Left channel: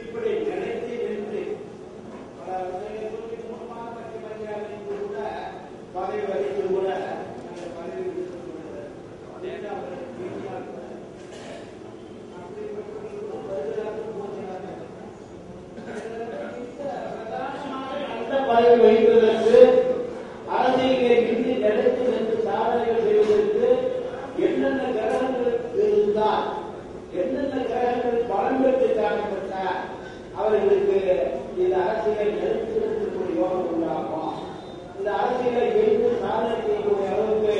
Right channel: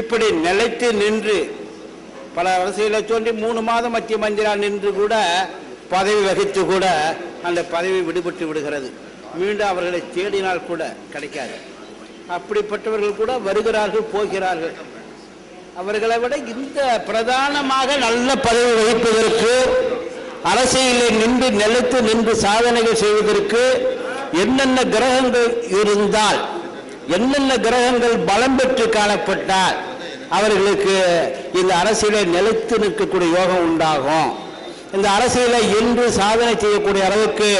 இப்படி நிலைத்து நின்று பல அரசியலை சொல்லி 3 மாதம் மத்திய மந்திரா நின்று கூட பதவி வகித்து கூட அந்த பதவி விடுபட்டு விடுகிறது. மீண்டும் அவர்களை தேடினால் கூட கிடைக்காது. அப்படிப்பட்டவர்கள் கூட வருகிறார்கள், போகிறார்கள். அவர்களை விட இந்த பிரதானமாக நல்ல பதவி வகிப்பதற்கு, அரசியலில் நின்று நிலைத்து நின்று சாதனைகள் செய்வதற்கு என்னென்ன கிரகங்கள் இருந்தால், என்னென்ன கிரகங்கள் பலம் பெற்று காணப்பட்டால் அவர்களுக்கு இந்த அரசியலை நிலைத்து நிற்கக்கூடிய யோகம் உண்டாகும். இந்த அரசியலை இன்று சாதனை செய்யக்கூடிய அளவுக்கு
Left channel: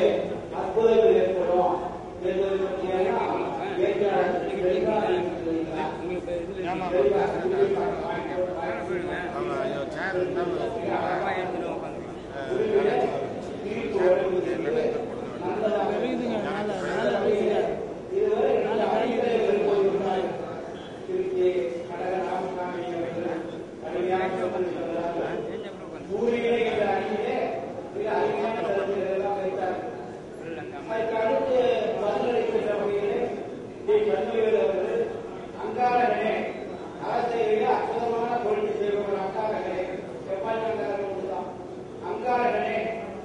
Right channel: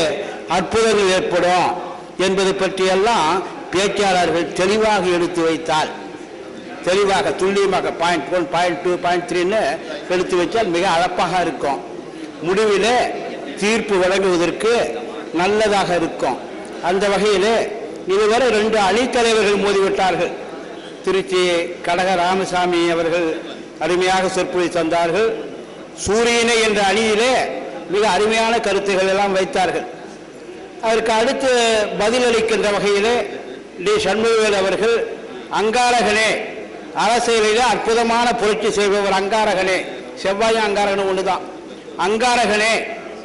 அற்புதங்கள் ஏற்படும் என்பதை பற்றியெல்லாம் பேச்சாளர்கள் தெளிவாக எடுத்து வைத்தால், தெளிவாக துல்லியமாக பாயிண்ட் 1, பாயிண்ட் 2, பாயிண்ட் 3ன்னு எடுத்து வைத்தால் மிக அழகாக இருக்கும். முடிவிலே தீர்ப்பு வழங்குவதற்கு நல்லதாக இருக்கும். அந்த வகையில் இதுவரை 2 அணித்தலைவர்கள் மோதிவிட்டார்கள். திருச்சி கடக ராமசாமி அவர்கள் அருமையாக சொற்பொழிவு தந்தார்கள். சூரியனை என்ற அணியிலே மிக அருமையான கருத்துக்கள் எல்லாம் வைத்தார்கள். அதற்கு அடுத்து பதிலளிக்கின்ற வகையிலே டி சண்முகவேல் அவர்கள் அங்காரகனே, அரசியலிலே அற்புதமான புரட்சி செய்பவர் அங்காரகனே, செவ்வாய் அங்காரகன் ஒன்றுதான், அங்காரகனே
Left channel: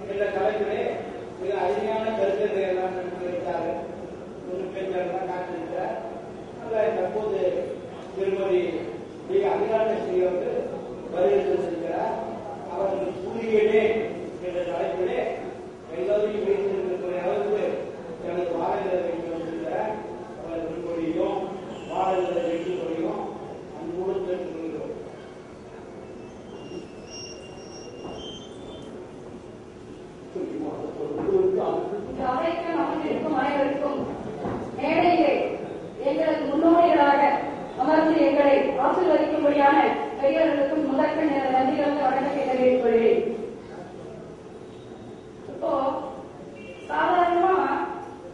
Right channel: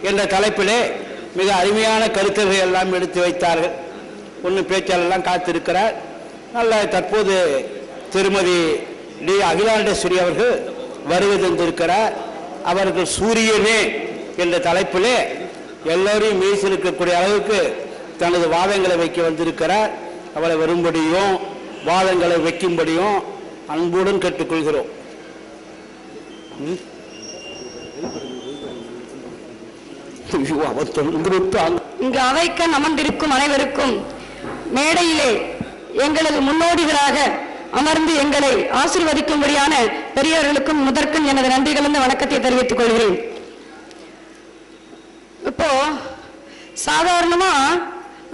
என்ற தலைப்பிலே மிக அருமையான கருத்துக்களை எல்லாம் எடுத்து வைத்தார்கள். ஒன்று பேச்சாளர்லாம் காத்திருக்கிறார். நல்ல தற்போது திருமதி டி அகிலாண்டேஸ்வரி அவர்கள் வருகை தந்திருக்கிறார். அவர்கள் சூரியனே என்ற தலைப்பிலே எல்லோரையும் மீசிருக்கக்கூடிய அளவுக்கு தனது வாதங்களை வைக்க வந்திருக்கிறார். அவளை வரும்படியும் வாதங்களை வைக்கும்படியும் அன்புடன் கேட்டுக்கொள்கிறோம். இங்கு அவைக்க அமர்ந்திருக்கும் அனைவருக்கும், மேடையிலே எங்களது முன்னோடிகளாக அமர்ந்து எங்களை ஆசீர்வதிக்கும்படியான பெரியவர்களுக்கும் முதற்கும் எனது நன்றி கலந்த வணக்கத்தை தெரிவித்துக் கொள்கிறேன். இப்போ சாதாரணமா,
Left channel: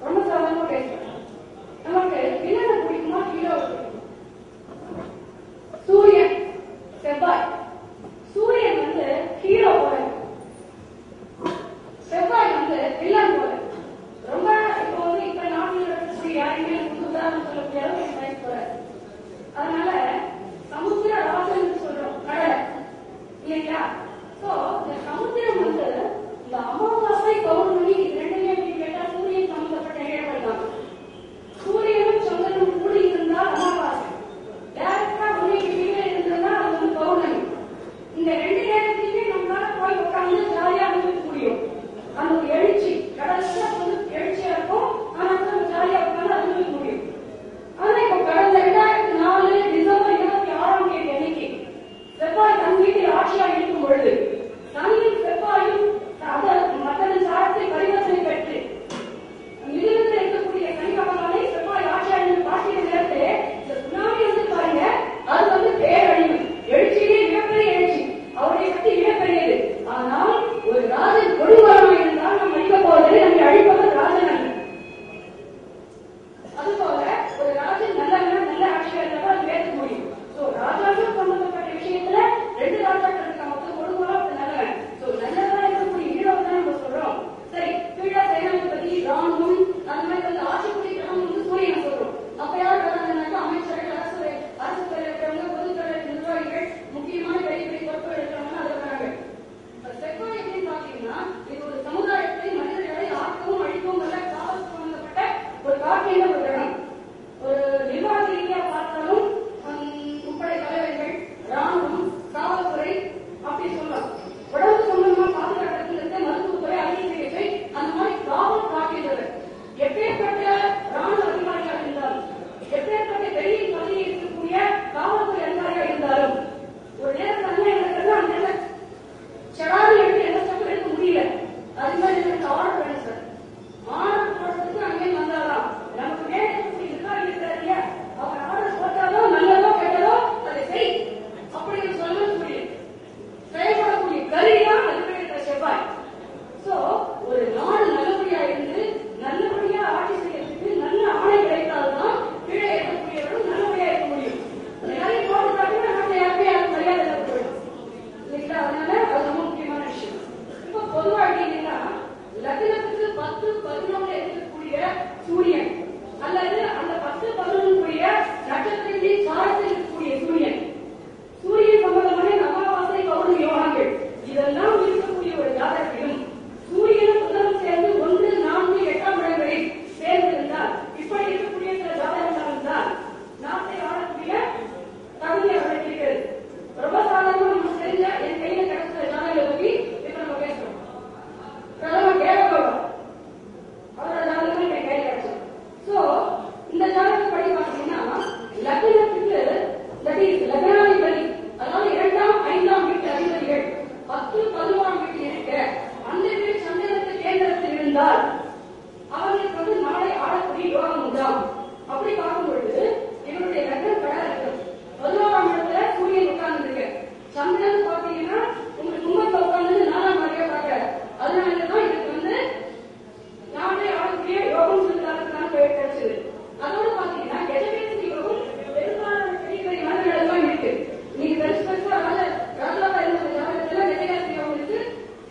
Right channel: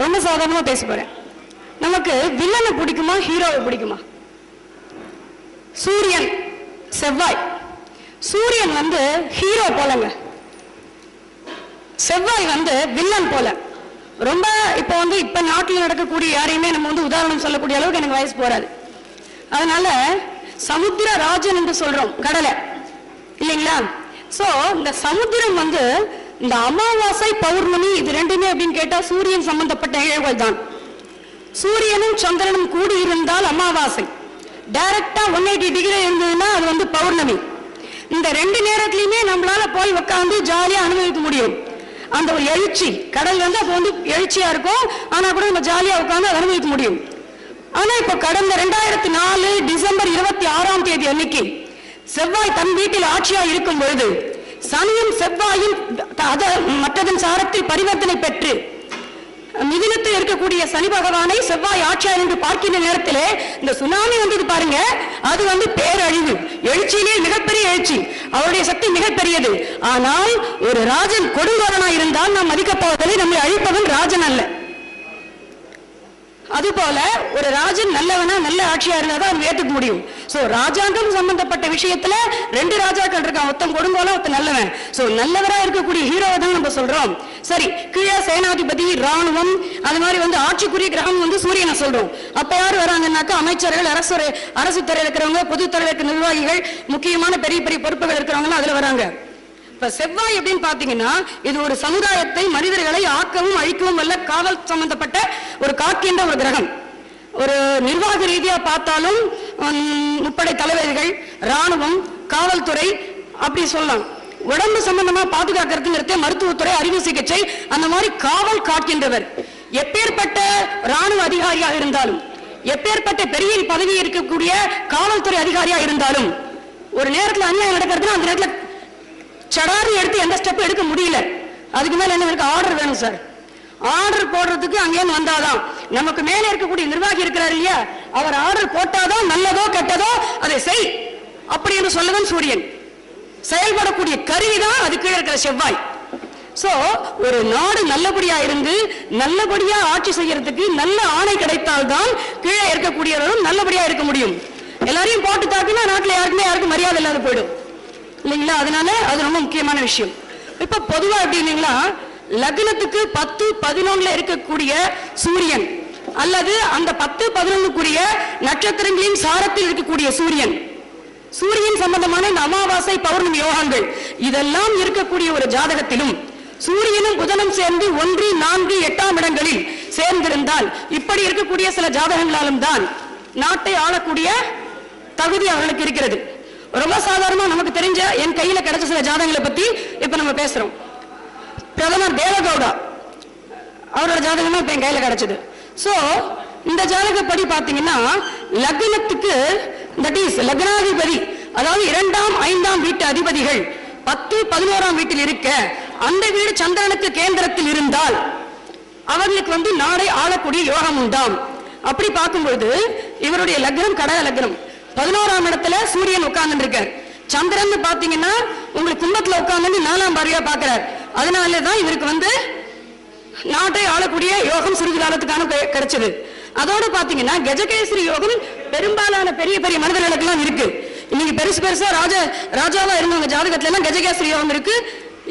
ரொம்ப சாதாரணமா பேச போறேன். நமக்கு வில்லனை பிடிக்குமா, ஹீரோவை பிடிக்குமா? சூரியன், செவ்வாய். சூரியன் ஹீரோ போலங்க, செவ்வாய் வில்லன் போல. ரொம்ப இப்ப நாட்டில் நடக்கக்கூடிய யாரையுமே நம்ம உதாரணம் சொல்லக்கூடிய அளவுக்கு எனக்கு வயசு போறாது. அதனால சமுத்திர ராஜன் என்று சொல்றோம், கடலை இல்லைங்களா? சோ இந்த சமுத்திரம் இந்த அமாவாசை பௌர்ணமி இது ரெண்டுமே அப்படின்னு கேட்டா சூரியன் சம்பந்தப்பட்ட நிகழ்வுகள் தான். சூரியனும் சந்திரனும் கூடி இருந்தால் அமாவாசை, டைரக்டா 180 டிகிரி இருந்ததுன்னா அது பௌர்ணமி. இந்த 2 நேரத்திலையுமே நம்மளால போய் உட்காந்து ஜாலியா அனுபவிக்க முடியும். அந்த எழுச்சி கடல் அப்போ எழுச்சியா இருக்கும், ஆனா கூட நம்ம ஜாலியா உட்காந்து அனுபவிக்க முடியும். ஆனா இப்ப கடந்த 2004 டிசம்பர் 26ஆம் தேதி அன்னைக்கு செவ்வாய் தன் வீட்டில் ஆட்சியா இருக்கும் பொழுது சனியும் செவ்வாயும் மற்றதன் சாரத்தில் பரிவர்த்தனை பெற்று மிதினத்தில் இருக்கக்கூடிய சனி பகவானை செவ்வாய் ஆட்சியார் என்று பார்க்கின்ற நேரத்திலே இந்த சுனாமி பாருங்க, அது பேரழிவு. எழுச்சியிலே மிகப்பெரிய எழுச்சி, அவருடைய சக்தி மிகப்பெரியது. ஆனால் ஒரு ராஜன் கொடுங்கோலனா இருந்தால் நாம் மதிக்கப் போவதை நம்மை அழிப்பவன் ராஜன் அல்ல. அதுபோல ஒரு ராஜன் நல்லவனா நல்ல ஆட்சியா இருந்தாதான் அது ஏற்றுக்க முடியும். சோ ராஜாங்கம் சம்பந்தப்பட்ட விஷயத்துல 2 ராஜாக்கள் இருக்கான், ஒருத்தன் கொடுங்கோல ஒருத்தன் நல்லவன். சோ நல்லவரா இருக்கக்கூடிய ஹீரோவை தான் நம்ம சொல்றோம். சரி, கீழே சேனாதிபதி, ராணுவம், அந்த மாதிரி ஆட்சிக்குரிய கிரகம் சூரியனை சொல்றோம். அப்ப யாரு வராங்கன்னாக்கா அமைச்சர்கள், அரசு துறையில் இருக்கிறவங்க, பொதுத்துறையில் இருக்கிற நிர்வாகிகள், முக்கியமான பெரிய பெரிய பொறுப்புகள் இருக்கிறவங்க அதுல வராங்க. இப்ப செவ்வாய் அப்படின்னு பாத்தீங்கன்னா இது ஒரு சமுதாயத்தை, மனிதர்களை ஆக்கவும் அழிக்கவும் வல்ல காவல் சம்பந்தப்பட்ட ஒரு காக்கின்ற ஒரு கிரகம். ஒரு நிர்வாக ரீதியா பார்த்தாலும் முப்படை தளபதிகள், ராணுவம், காவல்துறை அப்படி சொல்லலாம். உடம்பு சம்பந்தமா பாதுகாக்கிறதுங்கிறது மருத்துவத்துறை, அறுவை சிகிச்சை, அந்த மாதிரி காவல் காக்கின்றவர். எப்பேற்பட்ட ராணுவ அதிகாரியாக இருந்தாலும், எப்பேற்பட்ட பெரிய பதவி இருக்கக்கூடிய காவல்துறை அதிகாரியா இருந்தாலும், ஒரு நேரத்தில் அநியாயம் நடக்கிறது, அந்த நேரத்தில் சடார்னு எடுத்து எந்த ஸ்டெப் எடுக்க முடியல. அதுக்கு மேல என்ன ஆர்டர் வேணும் சார். ஆர்டர் போடுறதுக்கு அங்கேயும் வந்தாதான் நமக்கு மேல இருக்கக்கூடிய நிர்வாகி இருக்கிறார் இல்லையா, அவர் ஆர்டர் போட்டாதான் நல்லதோ கெட்டதோ அதை செய் அப்படி என்று சொல்லவன் சூரியன். செயல்படக்கூடிய கருவிதான் அதுக்கு இருக்கிற செவ்வாய். சோ ஒரு நாடு நல்லபடியா இருந்து நல்லபடியா ஆட்சி செய்யறதுக்கு நல்ல ஆணை கிடைத்தால்தான் கீழே இருக்கக்கூடியவர்களும் நல்லபடியா இருக்க முடியும். எல்லாரையும் போட்டு தாக்குனா நாட்டுல யாருக்கும் மரியாதை இல்லாத போயிடும் இல்லைங்களா? அதனால அது ரொம்ப முக்கியமான விஷயம். இப்ப பொதுவா எப்படின்னா லக்னத்துக்கு 10, 11 இருக்கக்கூடிய சூரியன் அல்லது அந்த 10, 11க்குரிய நட்சத்திரங்களின் சாரத்தில் இருக்கக்கூடிய சூரியன் சம்பந்தமான இந்த அமாவாசை பௌர்ணமி யோகங்கள் இதெல்லாம் இருக்கக்கூடிய ஒரு ஜாதகத்திலும் சூரியனும் புதனும் சேர்ந்து 1, 4, 8ஆம் இடங்களில் சேர்ந்திருந்தால் இப்படி இருக்கக்கூடிய சில ஜாதகங்களாலும் தான் நாட்டை ஆளக்கூடிய தகுதி அவர்களுக்கு இருக்கிறது. ரொம்ப சாதாரணமா நமக்கு தெரிஞ்ச என் கையில கிடைச்ச சில ஜாதகங்களை பத்தி இப்ப நம்ம பேசுறோம். பிரதமர் தேவகவுடா அவரோட ஜாதகம் இப்ப என் கையில கிடைச்சது. சோ இந்த ஜாதகப்படி பாத்தீங்கன்னா லக்னத்துக்கு லக்னாதிபதி அதாவது 2ஆம் 5ஆம் வீட்டு அதிபதிகள் 10, 11ஆம் வீட்டில் இருக்க அந்த வீடு சந்திரனுக்கு கேந்திரத்தில் இருந்தால் அவர்களுக்கு நாடை ஆளக்கூடிய யோகம் உண்டாம். அப்படி பார்க்கும்போது இவருடைய லக்னம் கடக லக்னம், 11ஆம் இடத்துல சூரியன் உட்கார்ந்து இருக்கார். சந்திரன் பாத்தீங்கன்னா உங்களுக்கு கும்பத்துல உட்கார்ந்து 4ஆம் பார்வையா பாக்குறார். அதனாலதான் இவருக்கு நாட்டை ஆளக்கூடிய யோகம் சிறிது காலத்துக்கான கிடைச்சது. அதோட பாத்தீங்கன்னா கஜகேசரி யோகம் பெரும்பாலான பெரிய பெரிய மனிதர்களுக்கெல்லாம் இருக்கு. இன்னைக்கு பெருசா ராஜாவா இருந்தவங்க ஜாதகத்துல எல்லாம் கஜகேசரி யோகம் இருக்கு.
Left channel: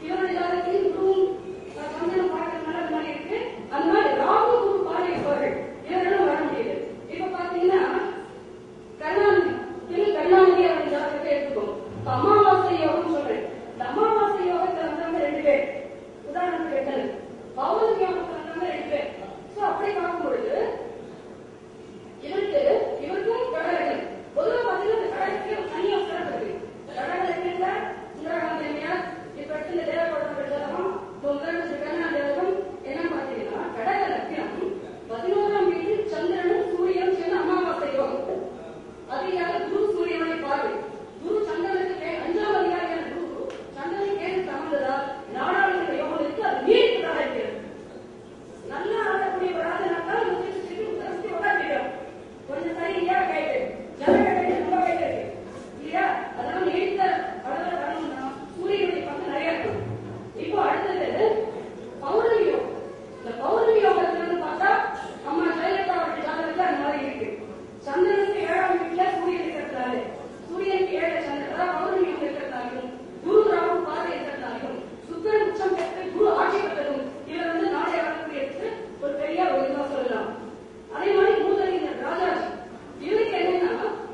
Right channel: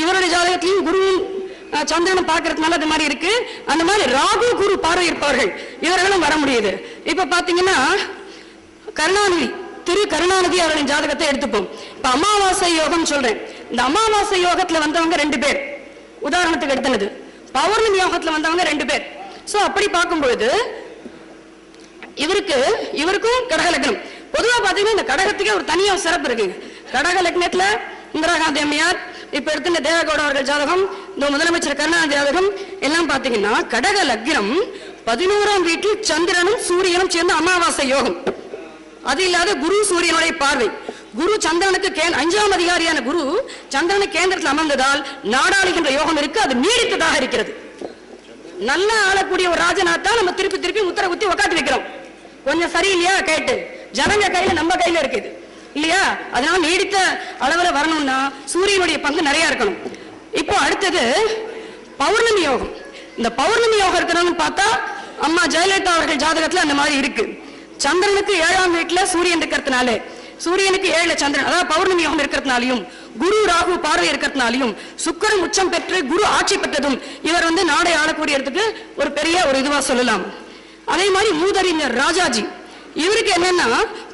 இவருடைய ஜாதகத்திலையும் குரு சந்திரனை பார்க்கறதுனால அது மாதிரி இருக்கு. அந்த மாதிரி ராகு குரு பார்வை இருப்பவர்கள் இவர்களும் வர முடியுது. இப்ப பாத்தீங்கன்னா திரு கருணாநிதி அவர்களின் ஜாதகத்தை எடுத்துப்போம். இப்ப அமாவாசை யோகம் சொல்றேன். இந்த அமாவாசை யோகத்துல வந்தவங்க 2 பேர் உதாரணத்துக்கு எடுத்தது. பௌர்ணமி யோகத்துல வந்தவங்க 2 பேர். சோ அப்படி பார்க்கும்பொழுது இவருக்கும் கடக லக்னம். பொதுவா பாத்தீங்கன்னா இந்த கடகத்துக்கே ஒரு தனியா சிறப்பு இருக்கு. கடக லக்னத்துல இந்திரா காந்தி அம்மையார், இப்ப எடுத்த தேவகவுடா அவர்கள் ஜாதகம், இந்த முதலமைச்சர் கருணாநிதி ஜாதகம் எல்லாம் பாத்தீங்கன்னா கடக லக்னம் 11ஆம் வீட்டில் சந்திரனும் சூரியனும் சேர்ந்த அமாவாசை யோகம். அது இல்லாத குரு சூரியனுடைய பார்வை. குரு சந்திரனுக்கு 5ஆம் அதிகாரியான குரு சந்திரனுக்கு கேந்திரத்தில் அமர்ந்ததால் நாடாளுகின்ற யோகம் இருக்கு. அது நீடித்ததாக இருக்கிறது. நல்லா ஆளக்கூடிய ஒரு ராஜநாத்தான் நம்ம திருப்பி முத்திர குத்தி உக்காந்து வைக்கிறோம். கொஞ்சம் சரியில்லையா கேட்டு ஜனங்க கையில நம்ம கையில இருக்குது இல்லையா? அதனால நீடித்த அளவுல வரணும்னா சூரியனுடைய பங்கு நிறைய இருக்கணும். இப்போ அடுத்தது பௌர்ணமி யோகம். இந்த பௌர்ணமி யோகம் இருக்கணும்னு பார்த்தா அம்மா ஜெயலலிதா அவர்கள் ஜாதகத்துல அந்த மாதிரி இருக்கு. சந்திரனுக்கு 7ஆம் வீட்டுல சூரியன் இருக்கிறதுனால, சூரியனுக்கு 7 சந்திரன் அதாவது பௌர்ணமி யோகம் இருக்கிறதுனாலையும் குரு ராகு பார்வை இருக்கிறதுனாலையும் சுக்கிரன் உச்சம் பெற்று குரு ஆட்சி பெற்றதும் இவர் நாடை ஆளக்கூடியதுக்கு ஒரு பெரிய ஒரு இதுவா சொல்லலாம். அதே மாதிரி மூதறிஞர் ராஜாஜி இவருக்கு என்னன்னா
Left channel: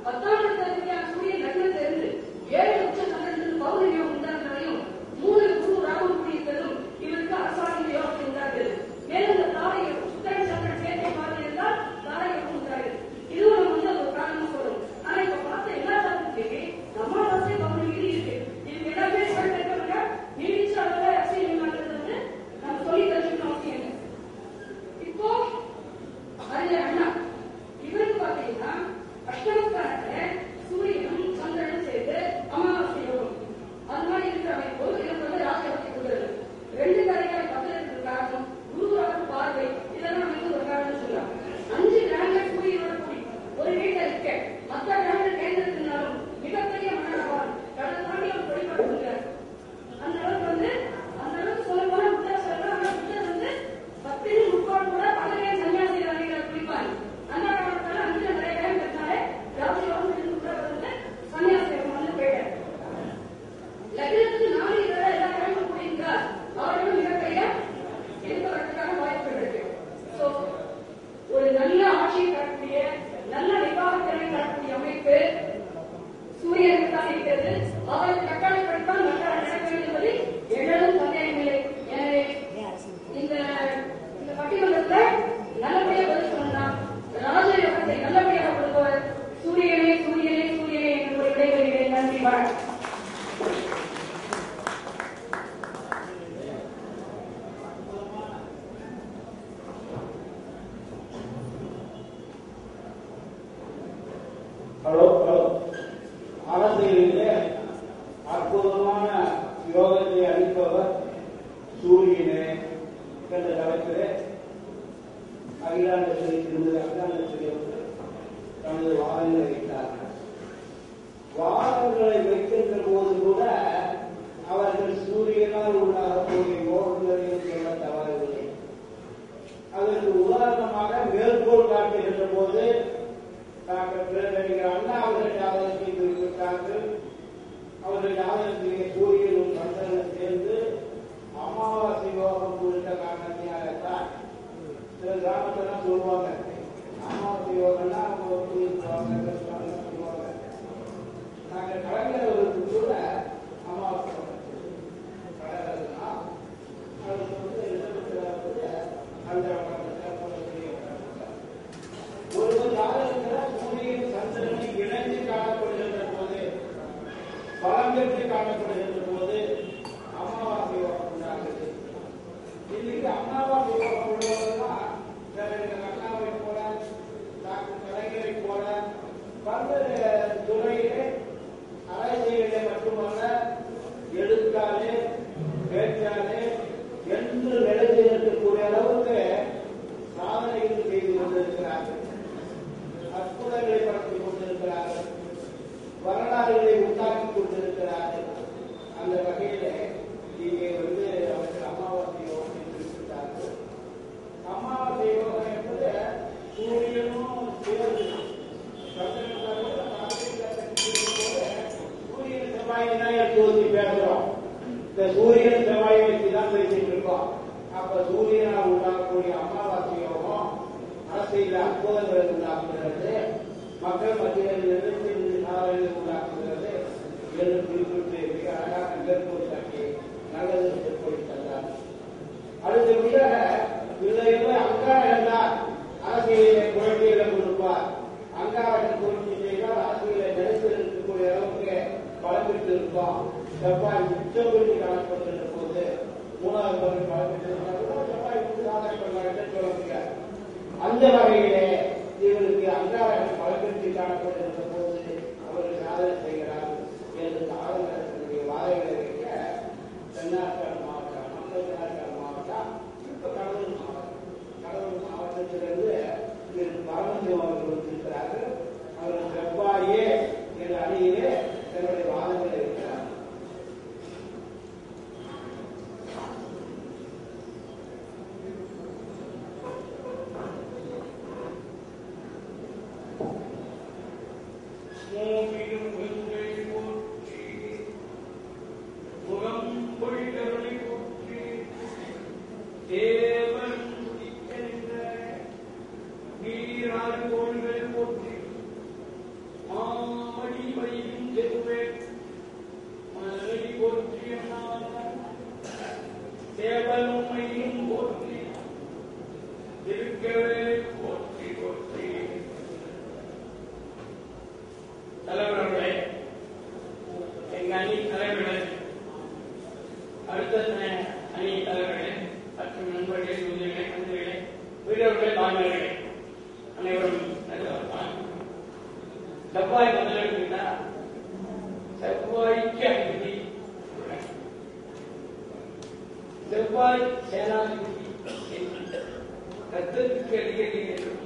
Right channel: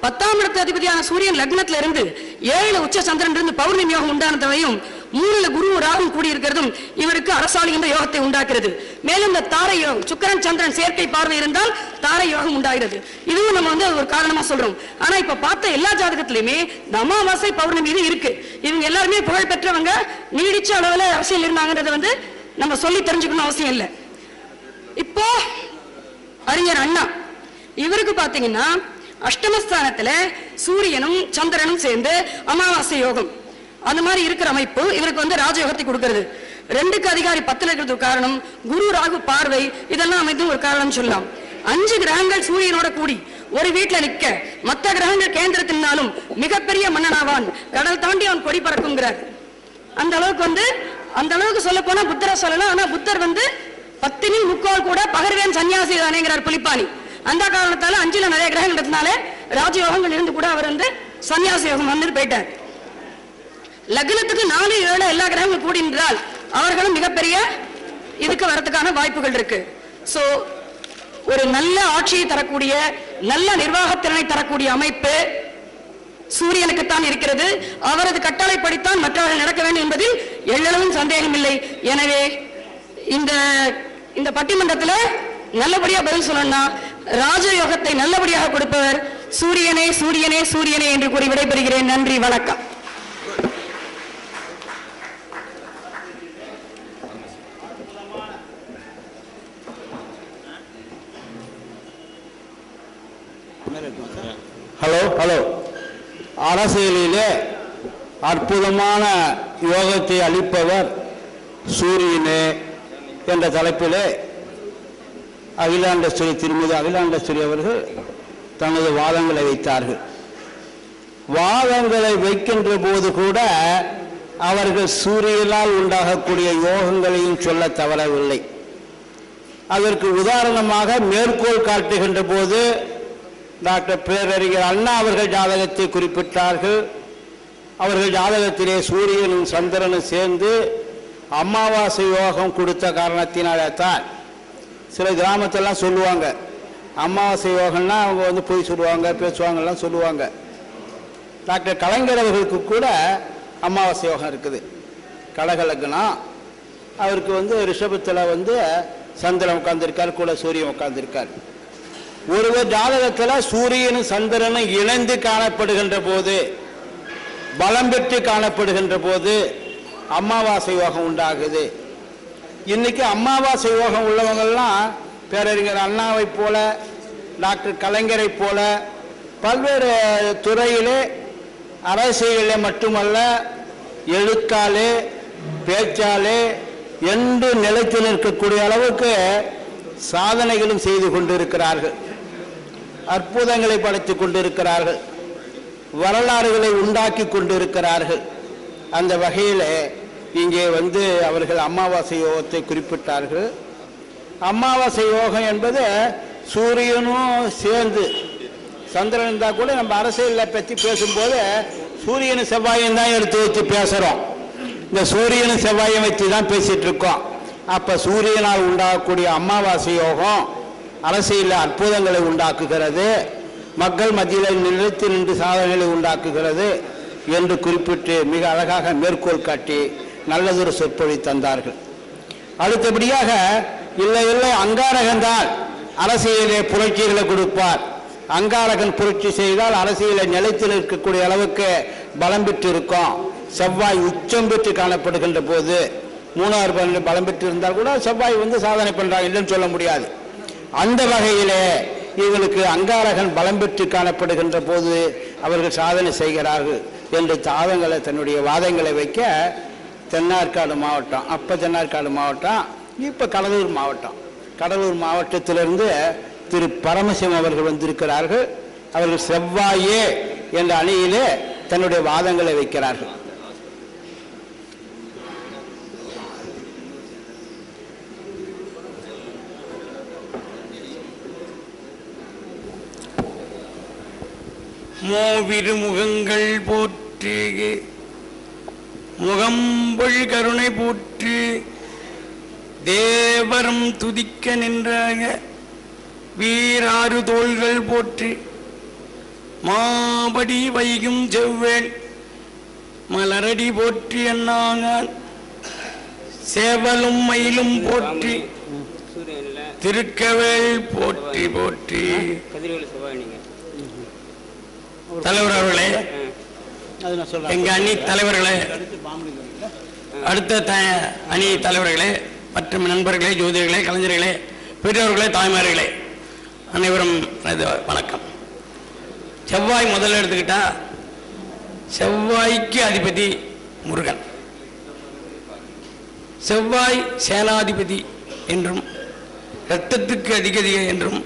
10ஆம் இடத்து அதிபதியான சூரியன் லக்னத்துல இருந்து 7 உச்ச சந்திரன் இருந்து பௌர்ணமி யோகம் உண்டானதையும் 3 குரு ராகும் கூடி இருக்கிறதும் இவருக்கு அரசாளுகின்ற யோகத்தை உண்டாக்குறது. மேலும் இந்த தாரை யோகம் சுக்கிரன் சந்திரன் சேர்க்கை பார்வை இருந்தால் தாரை யோகம் உண்டாகிறது. இதுவும் நம்ம ஒரு காரணமா சொல்றோம். ஆனா இப்ப பார்த்த எல்லா ஜாதகத்திலுமே அமாவாசை பௌர்ணமி இது இருக்கு. இவங்க எல்லாருமே புகழ் பெற்றவங்க, நீடிச்ச அளவுல அரசியல் இருந்தாங்கன்றத நம்ம சொல்லி தெரிஞ்சுக்கணும் அவசியம் இல்லை. இப்போ அறிஞர் அண்ணா இவருக்கு பாத்தீங்கன்னா அஷ்டமஸ்தானத்துல சூரியனும் சந்திரனும் சேர்ந்து அமாவாசை யோகம் அந்த மாதிரி இருக்கிற அமைப்பு இவருக்கு ராஜயோகத்தை கொடுக்கிறது. 2க்கு அதிகாரி 10ல இருக்கிறது காரணம் குரு ராகு பார்வை இதெல்லாம் அமைத்து ஒரு காரணம் சொல்லலாம். 5 கிரகங்கள் சூரியனோட கூடி ஒரு வீட்டுல நிக்க மற்ற கிரகங்கள் கேந்திரத்தினாலும் மிகப்பெரிய மன்னனாவான், கடல் தாண்டி அவன் கொடி பறக்குங்கிறார். அந்த அளவுக்கு சொல்ல போனா புத்தரை சொல்லலாம். ஆனா புத்தர் 10ல் 3/4 கூட பகர்வேன் சன்னியாசி தானேங்கிறார் புலிப்பாணி. அந்த காரணத்தால 5ல நிறைய கிரகங்கிறதுனால ராஜயோகங்கள் இருந்து கூட அவர் சன்னியாச யோகம் போயிட்டார். லக்னத்துக்கு 4, 7 எல்லா கிரகங்களும் கூடி நின்றால் அவர்களும் மிகப்பெரிய இதுக்கு வரதுக்கான வாய்ப்புகள் இருக்கு. சோ ஒரு நல்ல ஆட்சியை தரக்கூடிய நல்ல நிர்வாகத்திறனை தரக்கூடிய அமைப்பு சூரியனுக்குத்தான் இருக்கிறது. அவரது கட்டளைப்படித்தான் மற்றவர்கள் நடக்க வேண்டும் என்பதில் எல்லளவும் சந்தேகம் இல்லை. எனவே இந்த பட்டிமன்றத்தில் நல்லபடியா பதில் சொல்லணும்னா ராஜயோகத்தை நல்லபடியாக கொடுப்பவர் சூரியனே சூரியனே சூரியனே என்று கூறி விடைபெறுகிறேன். நன்றி, வணக்கம். ஹலோ அரசியலிலே அற்புதமான யோகத்தை அளிப்பவர் சூரியனே என்ற தலைப்பிலே திருமதி அகிலாண்டேஸ்வரி அவர்கள் தனது வாதங்களை வைத்தார்கள். வாதங்களை வைக்கின்ற போது கூட அவர்கள் சூரியனால் உண்டாகக்கூடிய யோகங்களையும் சொல்ல தவறவில்லை. அதற்கு உதாரணமாக மேற்கோள் காட்டுகின்ற போது டாக்டர் பேரறிஞர் அண்ணா அவர்கள் ஜாதகத்தை குறிப்பிட்டார்கள். அவர்கள் ஜாதகத்திலே சூரியனும் சந்திரனும் சேர்ந்து அமாவாசை யோகம் கொடுத்த காரணத்தினால்தான் சில கிராமத்தெல்லாம் சொல்லுவாங்க, அமாவாசை யோகம்னா அவங்க வந்து போய் சொல்லுவாங்க, பேசுவாங்கலாம் சொல்லுவாங்க. டாக்டர் கலைஞர் அவர்களுக்கு கூட அமாவாசை யோகம் இருக்குது. கடகலக்னம், அவருக்கு வந்து ரிஷபத்தில் வந்து சந்திரன் உட்கார்ந்துருக்கார், கூட சூரியன் உட்கார்ந்துருக்கார். ஒருவர் ஜாதகத்தில் சூரியனும் சந்திரனும் இணைந்து காணப்படுகின்ற போது, பலம் பெற்று காணப்படுகின்ற போது அமாவாசை யோகம் உண்டாகுது. இன்னைக்கு அமாவாசை யோகம் உள்ளவங்கள்லாம் பேரறிஞர் அண்ணாவை போல, டாக்டர் கலைஞரை போல பல்வேறு துறையிலே, அரசியலிலே மட்டுமல்ல, எழுத்தாலே பேச்சாலே என்று நிலைத்து நிற்கக்கூடிய அளவுக்கு சாதனைகளும் செய்து கொண்டிருக்கிறார்கள். அற்புதங்களை படைத்துக் கொண்டிருக்கிறார்கள். வரலாறுகளை உண்டாக்கி கொண்டிருக்கிறார்கள். அந்த வகையில் இங்கே வந்து அவர்கள் அமாவாசை யோகத்தை குறிப்பிட்டார்கள். அமாவாசை யோகம் என்பது சூரியனும் சேர்ந்து, சந்திரன் இருந்தால் கூட நம்ம அரசியலை பற்றி பேசும்போது சூரியனும் செவ்வாயும் தான் எடுத்து வச்சு பேசுகிறோம். இந்த சூரியனும் செவ்வாயை வச்சு தான் பேசிட்டு இருக்கோம். அப்போ சூரியனால் உண்டாகக்கூடிய அமாவாசை யோகம் அரசியலில் அற்புதங்களை உண்டாக்குகிறது, மக்கள் மத்தியில் நிலைத்து நின்று சாதனைகளை உண்டாக்குகிறது என்று குறிப்பிட்டு மிக அழகாக மேற்கோள் காட்டி நல்லதொரு சொற்பொழி தந்தார்கள். அடுத்தபடியாக இல்லை இல்லை அங்காரகன்தான் அரசியலிலே புரட்சிகளை கொடுப்பார், அங்காரகன் புரட்சி செய்தால் அரசியலை நிலைத்து நிற்கக்கூடிய அளவுக்கு பலம் பெற்று இருக்கும். செவ்வாய் உச்சம் பெற்று காணப்படுகின்ற போது, 3 பலம் பெற்று இருந்தால் கூட செவ்வாய் வந்து சாதனை பண்றாங்க, இல்லைன்னு சொல்ல முடியாது. அந்த வகையிலே இவர்களுக்கு அங்காரகன் பலம் பெற்று காணப்படுகின்ற போது அவர்கள் சாதனை செய்கிறார்கள் என்று தாதங்களை, தன்னுடைய வாதங்களை வைக்க தென்னார்காடு மாவட்டம், அப்போ தென்னார்காடு மாவட்டம், இப்போ கடலூர் மாவட்டம், கடலூர் மாவட்டத்திலிருந்து திரு பரமசிவம் அவர்கள் வந்திருக்கிறார்கள். அவர்கள் செவ்வாயே என்ற அணியிலே தன்னுடைய வாதங்களை வைக்கிறார்கள். மூவிரு முகங்கள் போற்றி, முகம்பொழ் கருணை போற்றி, தேவரும் துதிக்க நின்ற வீராறு தோள்கள் போற்றி, மாபடி வைகும் செவ்வேள் மலரடி போற்றி அண்ணாங்கான், சேவலும் மயிலும் போற்றி, திருக்கவேள் போற்றி போற்றி. தலைவர் அவர்களே, எங்க அணி தலைவர்களே, அடுத்த அணி தலைவர்களே, மற்றும் நண்பர்களே, ஜோதிடர்களே, கலைஞர்களே, பெரியவர்களே, தாய்மார்களே, அனைவரும் வணக்கம். செவ்வாய் முதல்ல எடுத்துக்கிட்டா, செவ்வாய்க்கு அதிபதி முருகன். செவ்வாய் சேனாதிபதி என்றும், இரத்தத்துக்கு அதிபதி என்றும்,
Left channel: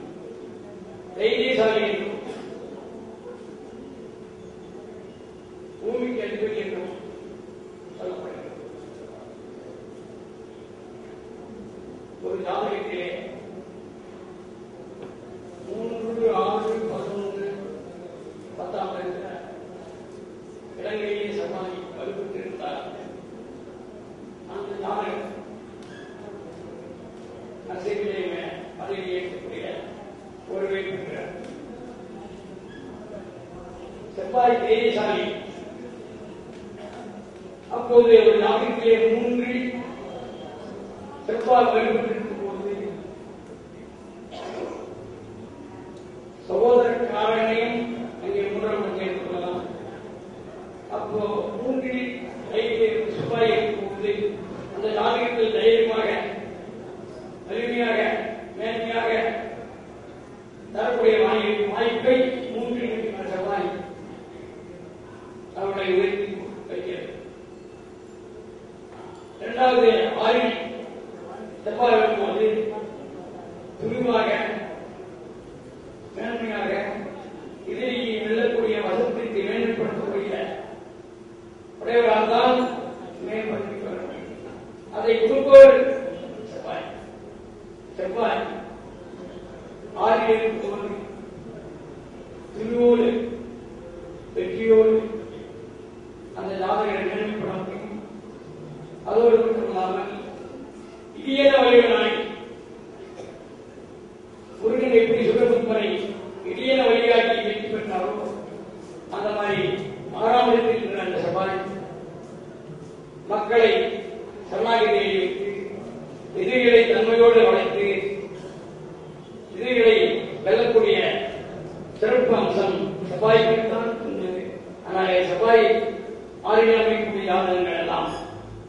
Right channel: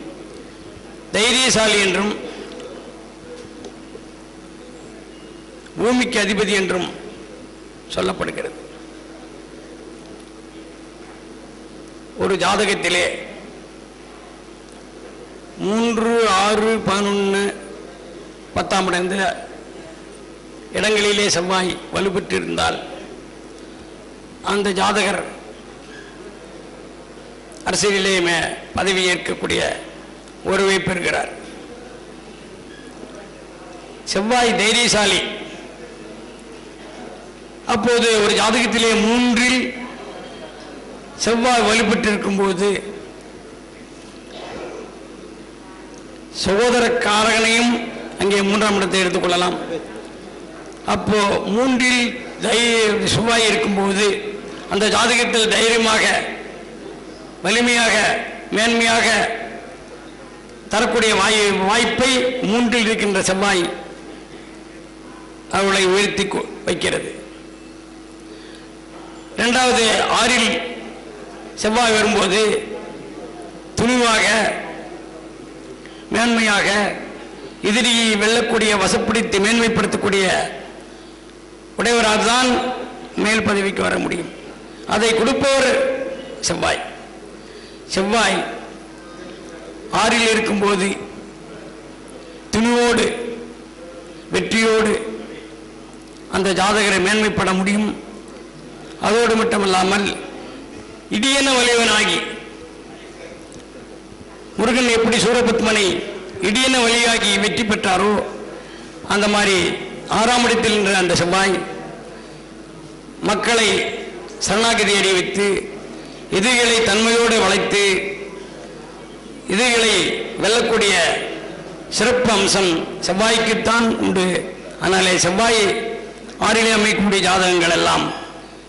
தைரியசாலி என்றும், பூமிக்கு அதிபதி என்றும் சொல்லப்படுகிறது. ஒரு ஜாதகத்திலே 3, 6, 11, 10ஆம் இடந்த இடங்களிலே செவ்வாய் வலுப்பெற்றிருந்தால் அந்த ஜாதகர் அரசியலிலே பதவி ஏற்கக்கூடிய உறவை பெறுகிறார். செவ்வாய் தைரியசாலி. அப்போது ஒரு ஜாதகத்திலே 3இல் செவ்வாய் வலுப்பெற்றிருக்கும் போது சகோதர காரகனையும் அங்கே 3ஆம் இடத்தை எடுத்துக்கொள்ளலாம். அப்போ 3இல் செவ்வாய் இருக்கும்போது அந்த ஜாதகத்தில் தைரியமாக, வலிமையாக, மேன்மையாக தரக்கூடிய வாய்ப்பை 3இல் இருக்கின்ற செவ்வாய் அவளை உயர்த்தி வைக்கிறது. 2வது 6இல் செவ்வாய் வரும்போது துணிவாக, மேன்மையாக, எதிரியை வெல்லக்கூடிய, வசப்படுத்தி மேன்மைப்படுத்தக்கூடிய உடையவரால் தான் மேல் பதவிக்கு வர முடியும். அதை கொடுப்பவர் செவ்வாய். செவ்வாய் 6இல் இருக்கும்போது துணிவோடு, வெற்றியோடு அந்த ஜாதகரை மேன்மைப்பட முடியும். அதோடு மட்டுமல்லாமல் இடியன வலிவனாகி முருகன் எப்படி சூரபத்மனை இடியன வழியாகி வெற்றி பெற்றாரோ அந்த மாதிரி 6ஆம் இடத்தில் நின்ற அந்த செவ்வாய் மக்களை சரணாகதி அடைய வைத்து எதிரிகளை தன்மையோடு வளைத்து எதிரிகளை வெல்லக்கூடிய சிறப்பு அம்சம் செவ்வாய்க்குத்தான் உண்டு. அதனாலே செவ்வாய் 6லே அமைக்கக்கூடிய ஜாதகங்கள் எல்லாம்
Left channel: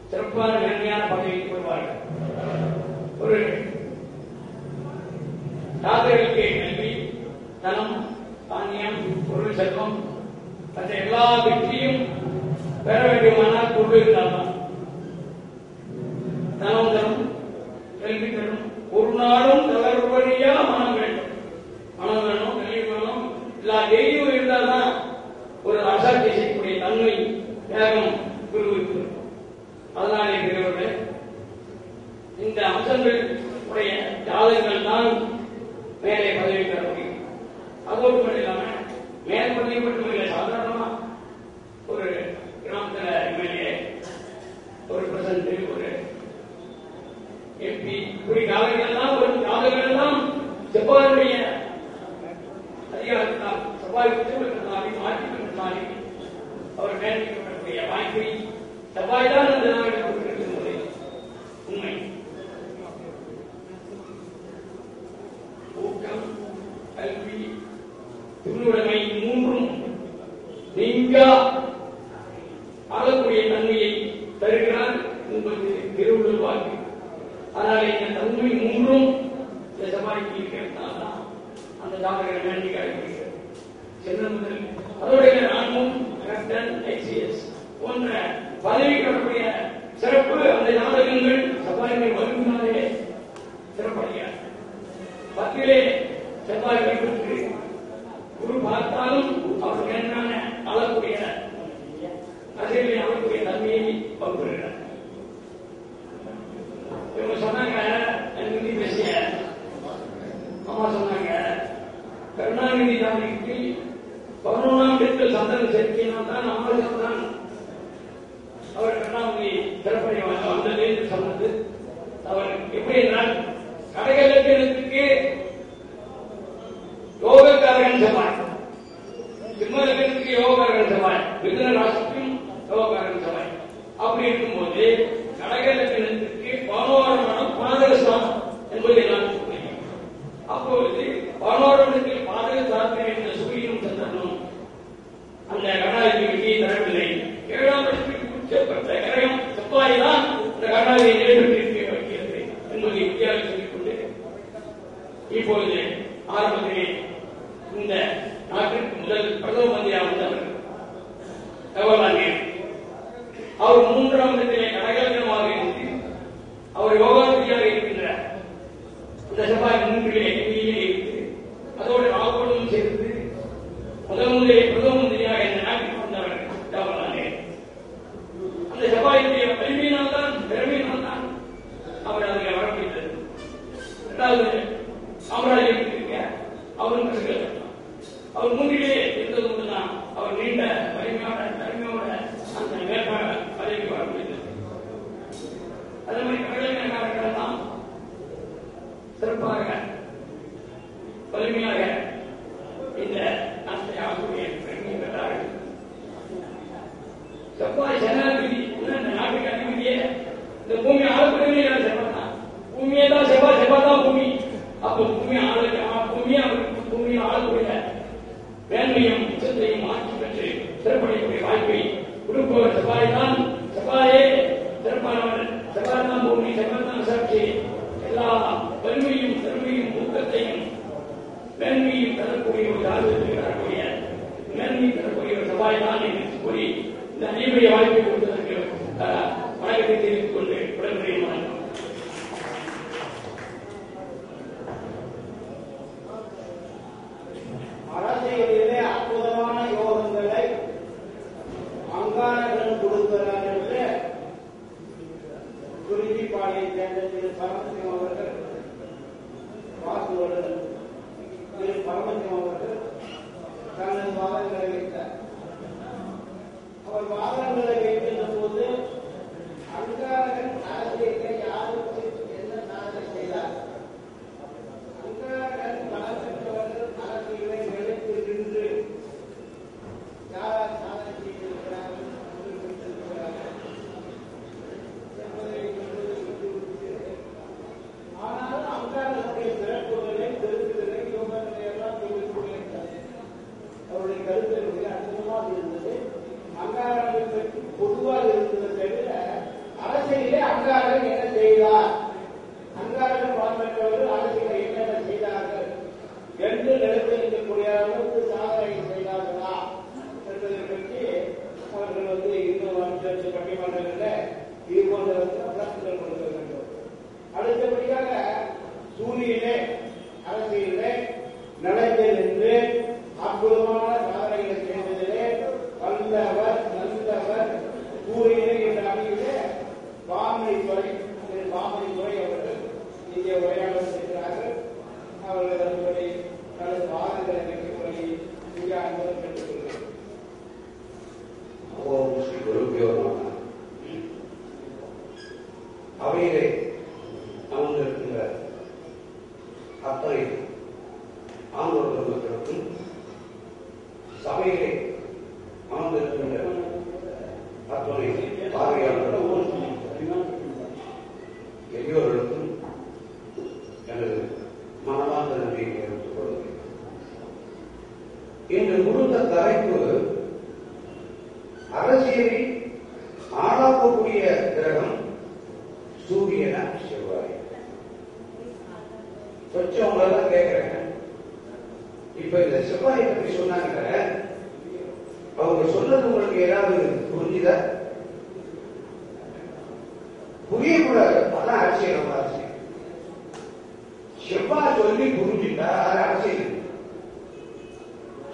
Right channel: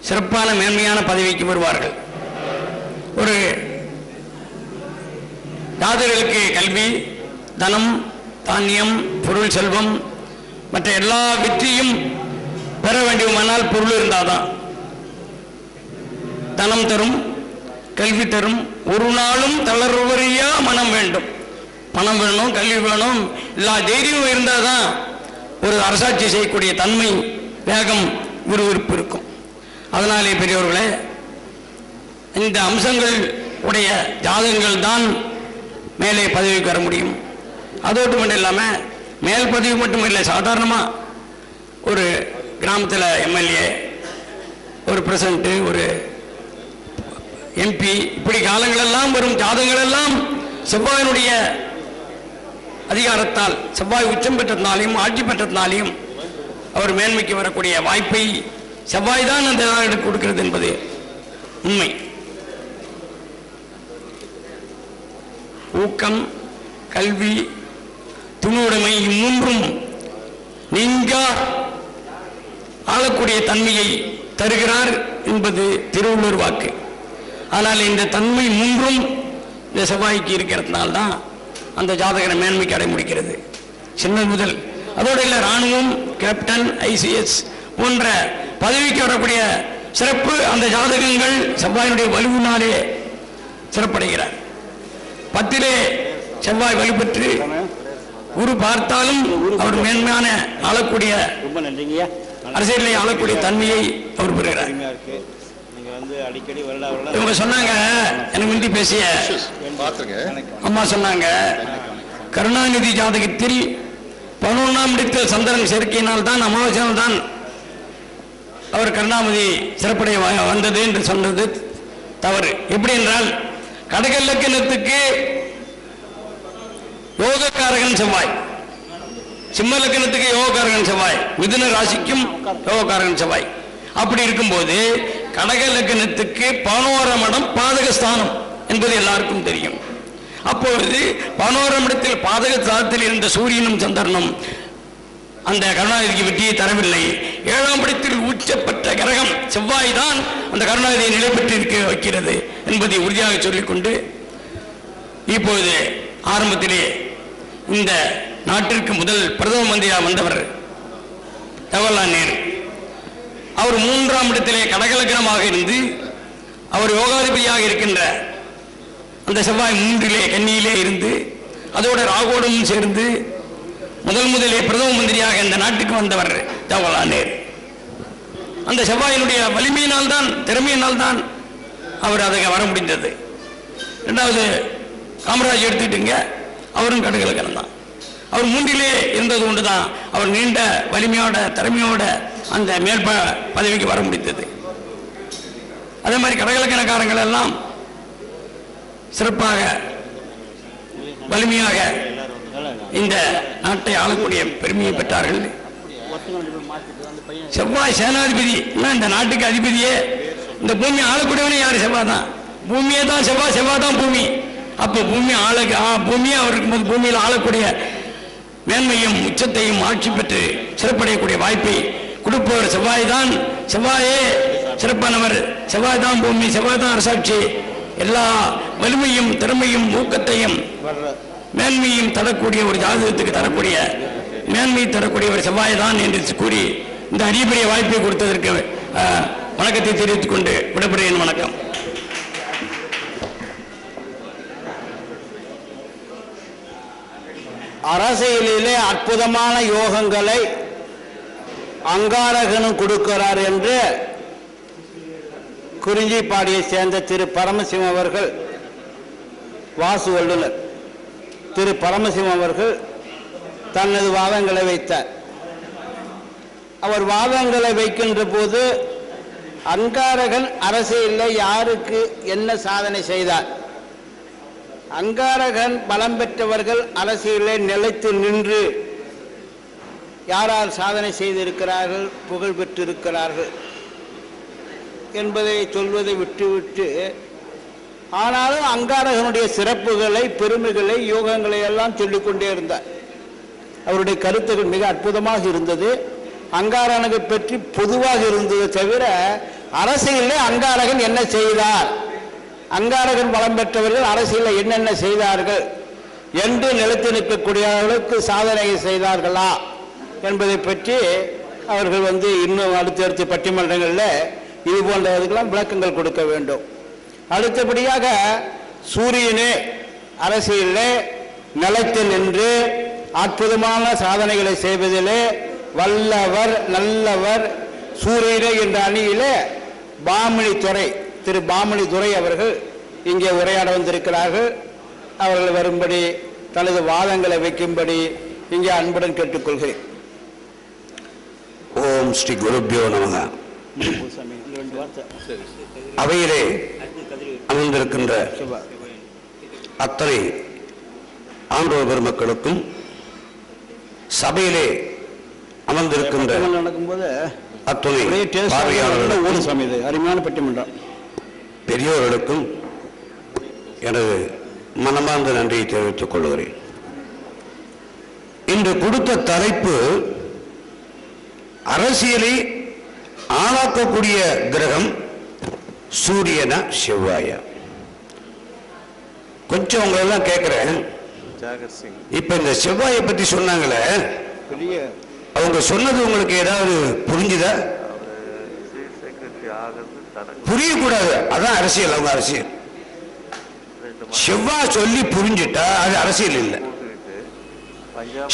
சிறப்பான மேன்மையான பதவிக்கு வருவார்கள். ஒரு ஜாதகர்களுக்கு கல்வி, தனம், தானியம், பொருள், செல்வம் மற்ற எல்லா வெற்றியும் பெற வேண்டுமானால் பொருள் இருந்தால்தான். தனம் தரும், கல்வி தரும், ஒரு நாளும் தளர்வறியா மனம் வேண்டும். பணம் வேணும், கல்வி வேணும், எல்லா தைரியம் இருந்தால் தான் ஒரு அரசாட்சி செய்யக்கூடிய தன்மை, வேகம், விறுவிறுப்பு இருக்கும். அதனாலே பெரியவர்களே, இந்த அம்சங்கள் உடைய ஜாதகங்கள் தான் மேலே பதவிக்கு வர முடியும். அதோடு மட்டும் இல்லாமல் மேல் பதவி மட்டும் இல்லை, சாதாரணமாக ஒரு கிராமத்தில் எம்எல்ஏ, ஒரு பிரசிடண்ட், ஒரு எம்பி, இப்படி காலங்களெல்லாம் வரும் ஜாதகங்கள் எல்லாம் செவ்வாயினுடைய அதிகாரத்தால், செவ்வாய் உச்சம் பெற்றதுனாலையும் ஆட்சி பெற்றதுனாலையும் அவர் மேன்மைக்கு வரக்கூடிய வாய்ப்பை செவ்வாய் தான் அந்த ஜாதகத்துக்கு கொடுக்கிறது என்பது உண்மை. ஊக்கம், கல்வி, துணுடைமை இம்மூன்றும் நீங்க ஆளக்கூடிய தன்மையை தருகிறார் என்பது திருவள்ளுவர் வாக்கு. ஆனால் இந்த தன்மை மூன்றும் இந்த செவ்வாய்க்கு இருக்கிறதுனால்தான் அந்த ஜாதகரை மேன்மைக்கு அடைய முடிக்கிறது. சின்ன முதல் அதோடு இல்லை, இராணுவம், கேப்டன், ஐசிஎஸ் போன்ற பதவிக்கு வரக்கூடிய சிறப்பு அந்த ஜாதகங்கள் செவ்வாயினுடைய வலுவினாலே சிறப்படைகிறார். 10லே செவ்வாய் வலுப்பெற்று குரு பார்த்தாலும் அவர் மேன்மையான ஆளக்கூடிய, அரசியலை ஆளக்கூடிய தன்மையை அவர் பெறுகிறார். இவங்க சொன்னாங்க, எனக்கு முந்தி பேசிய அம்மா சொன்னாங்க, கருணாநிதி ஜாதகத்தில் 11ஆம் இடத்தில் சந்திரன் சேர்க்கையினால் தான், அமாவாசையால் தான் அவர் கருணாநிதி சிறப்படைய வந்தது என்று சொன்னது தவறு. எப்படி என்றால், கடக இலக்கணத்துக்கு யோகக்காரகன் செவ்வாய், சிம்ம லக்கணத்துக்கு யோகக்காரகன் செவ்வாய், மிதுன ராசிக்கும் யோகக்காரகன் செவ்வாய். அப்படி இருக்கும்போது கடக லக்கணத்துக்கு 11ஆம் இடம் பாதகஸ்தானம் என்பது எல்லாருக்கும் தெரியும். அப்பொழுது 11ஆம் இடத்தில் பாதகஸ்தானத்தில் இருந்த சூரியனும் சந்திரனும் அந்த கருணாநிதிக்கு வெற்றியை தரவில்லை. 7ஆம் இடத்தில் உச்சப்பட்ட கிரகம் செவ்வாய் தான் அந்த கருணாநிதியை நிலை பெற்று இருக்க வைக்கிறது என்பதை உறுதியாக சொல்லிக்கொண்டு, இப்பொழுது ஆரம்பத்திலே இந்த நாட்டிற்கு முதல் பிரதம மந்திரியாக வந்தவர் ஜவஹர்லால் நேரு. அவர் 3ஆம் இடத்திலே கடகலக்கணமாக இருந்து அவர் யோகாதிபதியாக இருக்கின்ற அந்த செவ்வாய் 3லே கன்னியிலே இருந்து அதோட ராகோடும் சேர்ந்து முதலிலே பிரதம மந்திரியாக இந்த நாட்டுக்கு வந்தவர் ஜவஹர்லால் நேரு. அந்த செவ்வாயினுடைய வலிமையினால் தான், திறமையினால் தான் அவர் அதை வர முடிந்தது. 2வது காமராஜ் எடுத்துக்கிட்டுங்க, அவரும் கடகலக்கணம் தான். அவர் 3லே இருந்தது கொண்டுதான் அவர் நீண்ட வலிமையோட திறமையோட அந்த மேல் பதவிக்கு வர முடித்தது. அதே மாதிரி கடகலக்கணக்காரங்கள் எல்லாம் சிறப்பாக வலிமையாக இந்த நாட்டை ஆளக்கூடிய பெருமையை பெற்றார்கள். செவ்வாய் சேனாதிபதி, இந்த நாட்டுக்கு அதிபதியே, இந்த பூமி ஆளக்கூடியவனே யார்? செவ்வாய் தான். பூமியே தான் செவ்வாய், செவ்வாய் தான் பூமி. அப்போ பூமியை அவர் இருக்கும்போது பூமியில் ஆளக்கூடிய மேன்மையும் உச்சத்தையும் ஆட்சி பெற்று சிறப்படையக்கூடிய வாய்ப்பை கொடுப்பவர் செவ்வாய் தான். செவ்வாயே சிறப்பானவர், செவ்வாய் தான் பூமி, செவ்வாய் தான் அரசாட்சி. எல்லா வலிமையும் திறமையும் ஊக்கத்தையும் மேன்மையும் தரக்கூடிய ஒரு ஜாதகத்துக்கு தரக்கூடிய மேன்மை தரக்கூடிய ஒரு செவ்வாய் தான் என்று கூறி இந்த அடிப்படை வாய்ப்பை கொடுத்ததற்கு வணக்கத்தை தெரிவித்துக் கொண்டு விடைபெறுகிறேன். வணக்கம். அரசியலிலே அற்புதமான யோகங்களை அங்காரகனும் கொடுக்கிறார் என்று குறிஞ்சிப்பாடியை சேர்ந்த திரு பரமசிவம் அவர்கள், வாசு வல்லுநர் திரு பரமசிவம் அவர்கள் தனது வாதங்களை வைத்தார். அவர் வாதங்களை வைக்கின்ற போது அங்காரகன் அரசியலில் யாருக்கு என்ன சாதனை செய்தார் அங்காரகன் பலம் பெற்றவர்கள் அரசியலே நிலைத்து நின்று யாரால் சாதனை செய்திருக்கிறார்கள், புகழ் பெற்றிருக்கிறார்கள் என்பதை சொல்வதை விட்டுவிட்டு, ஆனாலும் அங்காரகனுடைய சிறப்புகளை, பெருமைகளை, யோகங்களை எல்லாம் சொல்லிக்கொண்டே இருந்தார். அவருடைய கருத்துக்கள் மிக அற்புதமாக இருந்தது. அங்காரகனை பற்றி பொதுவாக இருந்தது தவிர அரசியலே அங்காரகன் என்ன செய்தார், அங்காரகன் பலம் பெற்றவர்கள் அரசியலில் என்னென்ன செய்தார்கள் என்று நிலைத்து நிற்கக்கூடிய அளவுக்கு சாதனை செய்தார்களா என்பதை பற்றி அவர்கள் இன்னும் அடுத்தடுத்த பட்டிமன்றங்களில் இது போன்றதுக்கெல்லாம் விளக்கங்கள் கொடுக்க வேண்டும். அடுத்தபடியாக சூரியனே அரசியலில் நிலைத்து நின்று அற்புதமான சாதனைகளை செய்வதிலே வல்லவர், நல்லவர் சூரியனே என்ற அணியிலே திரு பாமணி துரை அவர்கள் இங்கே உரையாட வந்திருக்கிறார்கள். அவர்கள் வரும்படி, தனது வாதங்களை வைக்கும்படி இங்கே அன்புடன் கேட்டுக்கொள்கிறேன். ஓம் ஸ்ரீ குருபியோ நமக. அவையிலே அமர்ந்திருக்கின்ற அத்தனை ஆண்டோர் பெருமக்களுக்கும், சபையிலே அமர்ந்திருக்கின்ற நடக்கும்போது அத்துணை பார்வையாளர்களுக்கும், அருமையான பட்டிமன்றம், பெரியோர்களுக்கும் எனது மனமார்ந்த நன்றியை தெரிவித்துக் கொள்கிறேன். இன்று கொடுத்த தலைப்பு அரசியலை ஆளாக்கக்கூடிய கிரகம் சூரியனா செவ்வாயா. கொஞ்சம் உங்களெல்லாம் கேட்கிறேன், இப்ப இந்த செவ்வாயை பத்தி சொன்னாங்களே, அவங்க சொன்னது உங்களுக்கு ஏதாவது புரிஞ்சுதா? புரியக்கூடாது, அதான் அரசியல். அவங்க அரசியல் செவ்வாய் சொல்லி புரிஞ்சுட்டா அது அரசியல் இல்லை.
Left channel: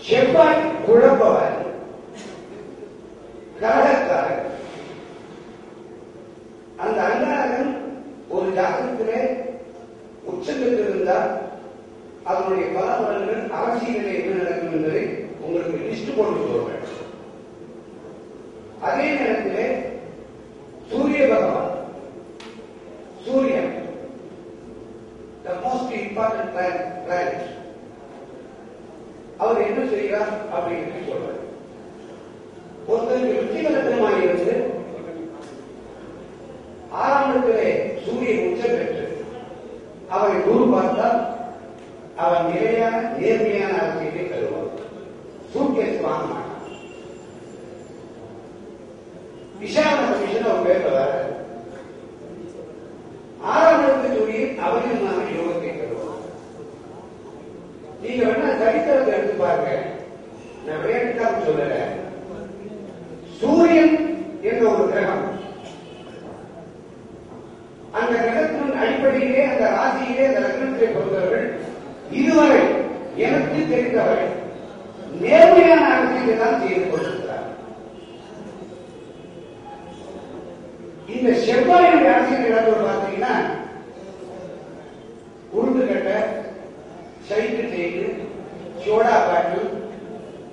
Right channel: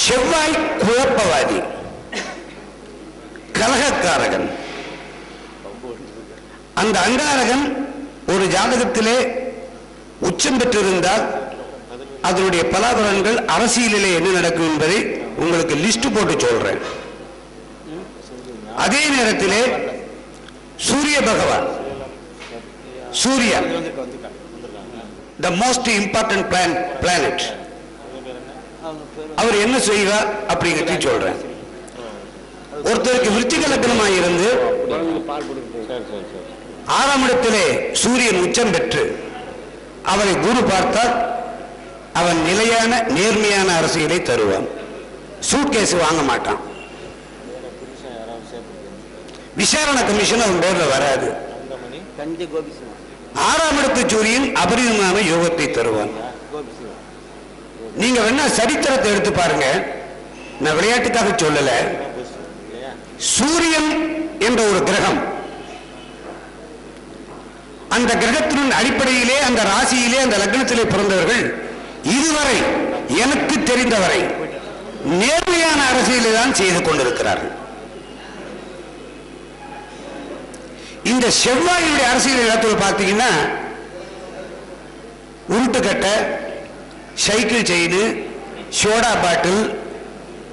செவ்வாய் குழப்பவாதி, கலகக்காரகன். அந்த அங்காரகன் ஒரு ஜாதகத்திலே உச்சம் பெற்றிருந்தால் அதனுடைய பலாபலன்கள் அரசியலிலே என்ன நடக்கும் என்பதை உங்களுக்கு லிஸ்ட் போட்டு சொல்றேன். அதே நேரத்திலே சூரிய பகவான், சூரியன் the most important planet, அவர் என்ன செய்வார் அப்படிங்கிறத சொல்றேன். ஒருத்தருக்கு விருச்சிக லக்னமாக இருந்து 6ஆம் இடத்திலே சூரியன் உச்சம் பெற்று அவரை குரு பார்த்தால் அவன் நிலையான நேர்மையான அரசியலை தருவான். சூட்கேஸ் வாங்க மாட்டான். விசாரணை கமிஷன் அவன் பேர்ல வராது. 6ஆம் இடத்து சூரியன் அபரிதமான யோகத்தை தருவான். நீங்க வேணா சரித்திரத்தை எடுத்து பாருங்க, நான் விளையாட்டுக்காக சொல்லல. சூரியன் என்ற ஒரு கிரகம், அந்த கிரகத்தின் அடிப்படையிலே, அந்த ராசியிலே, அந்த லக்னத்திலே பிறந்தவர்கள் இதுவரை எனக்கு தெரிந்தவரை நேர்மையான அரசியலை தான் செய்து கொண்டிருக்கிறார்கள். இந்த செவ்வாயுடைய அரசியல் இடத்துல பார்த்தீங்கன்னா உருட்டுக்கட்டை, சைக்கிள் செயின், சோடா பாட்டில்,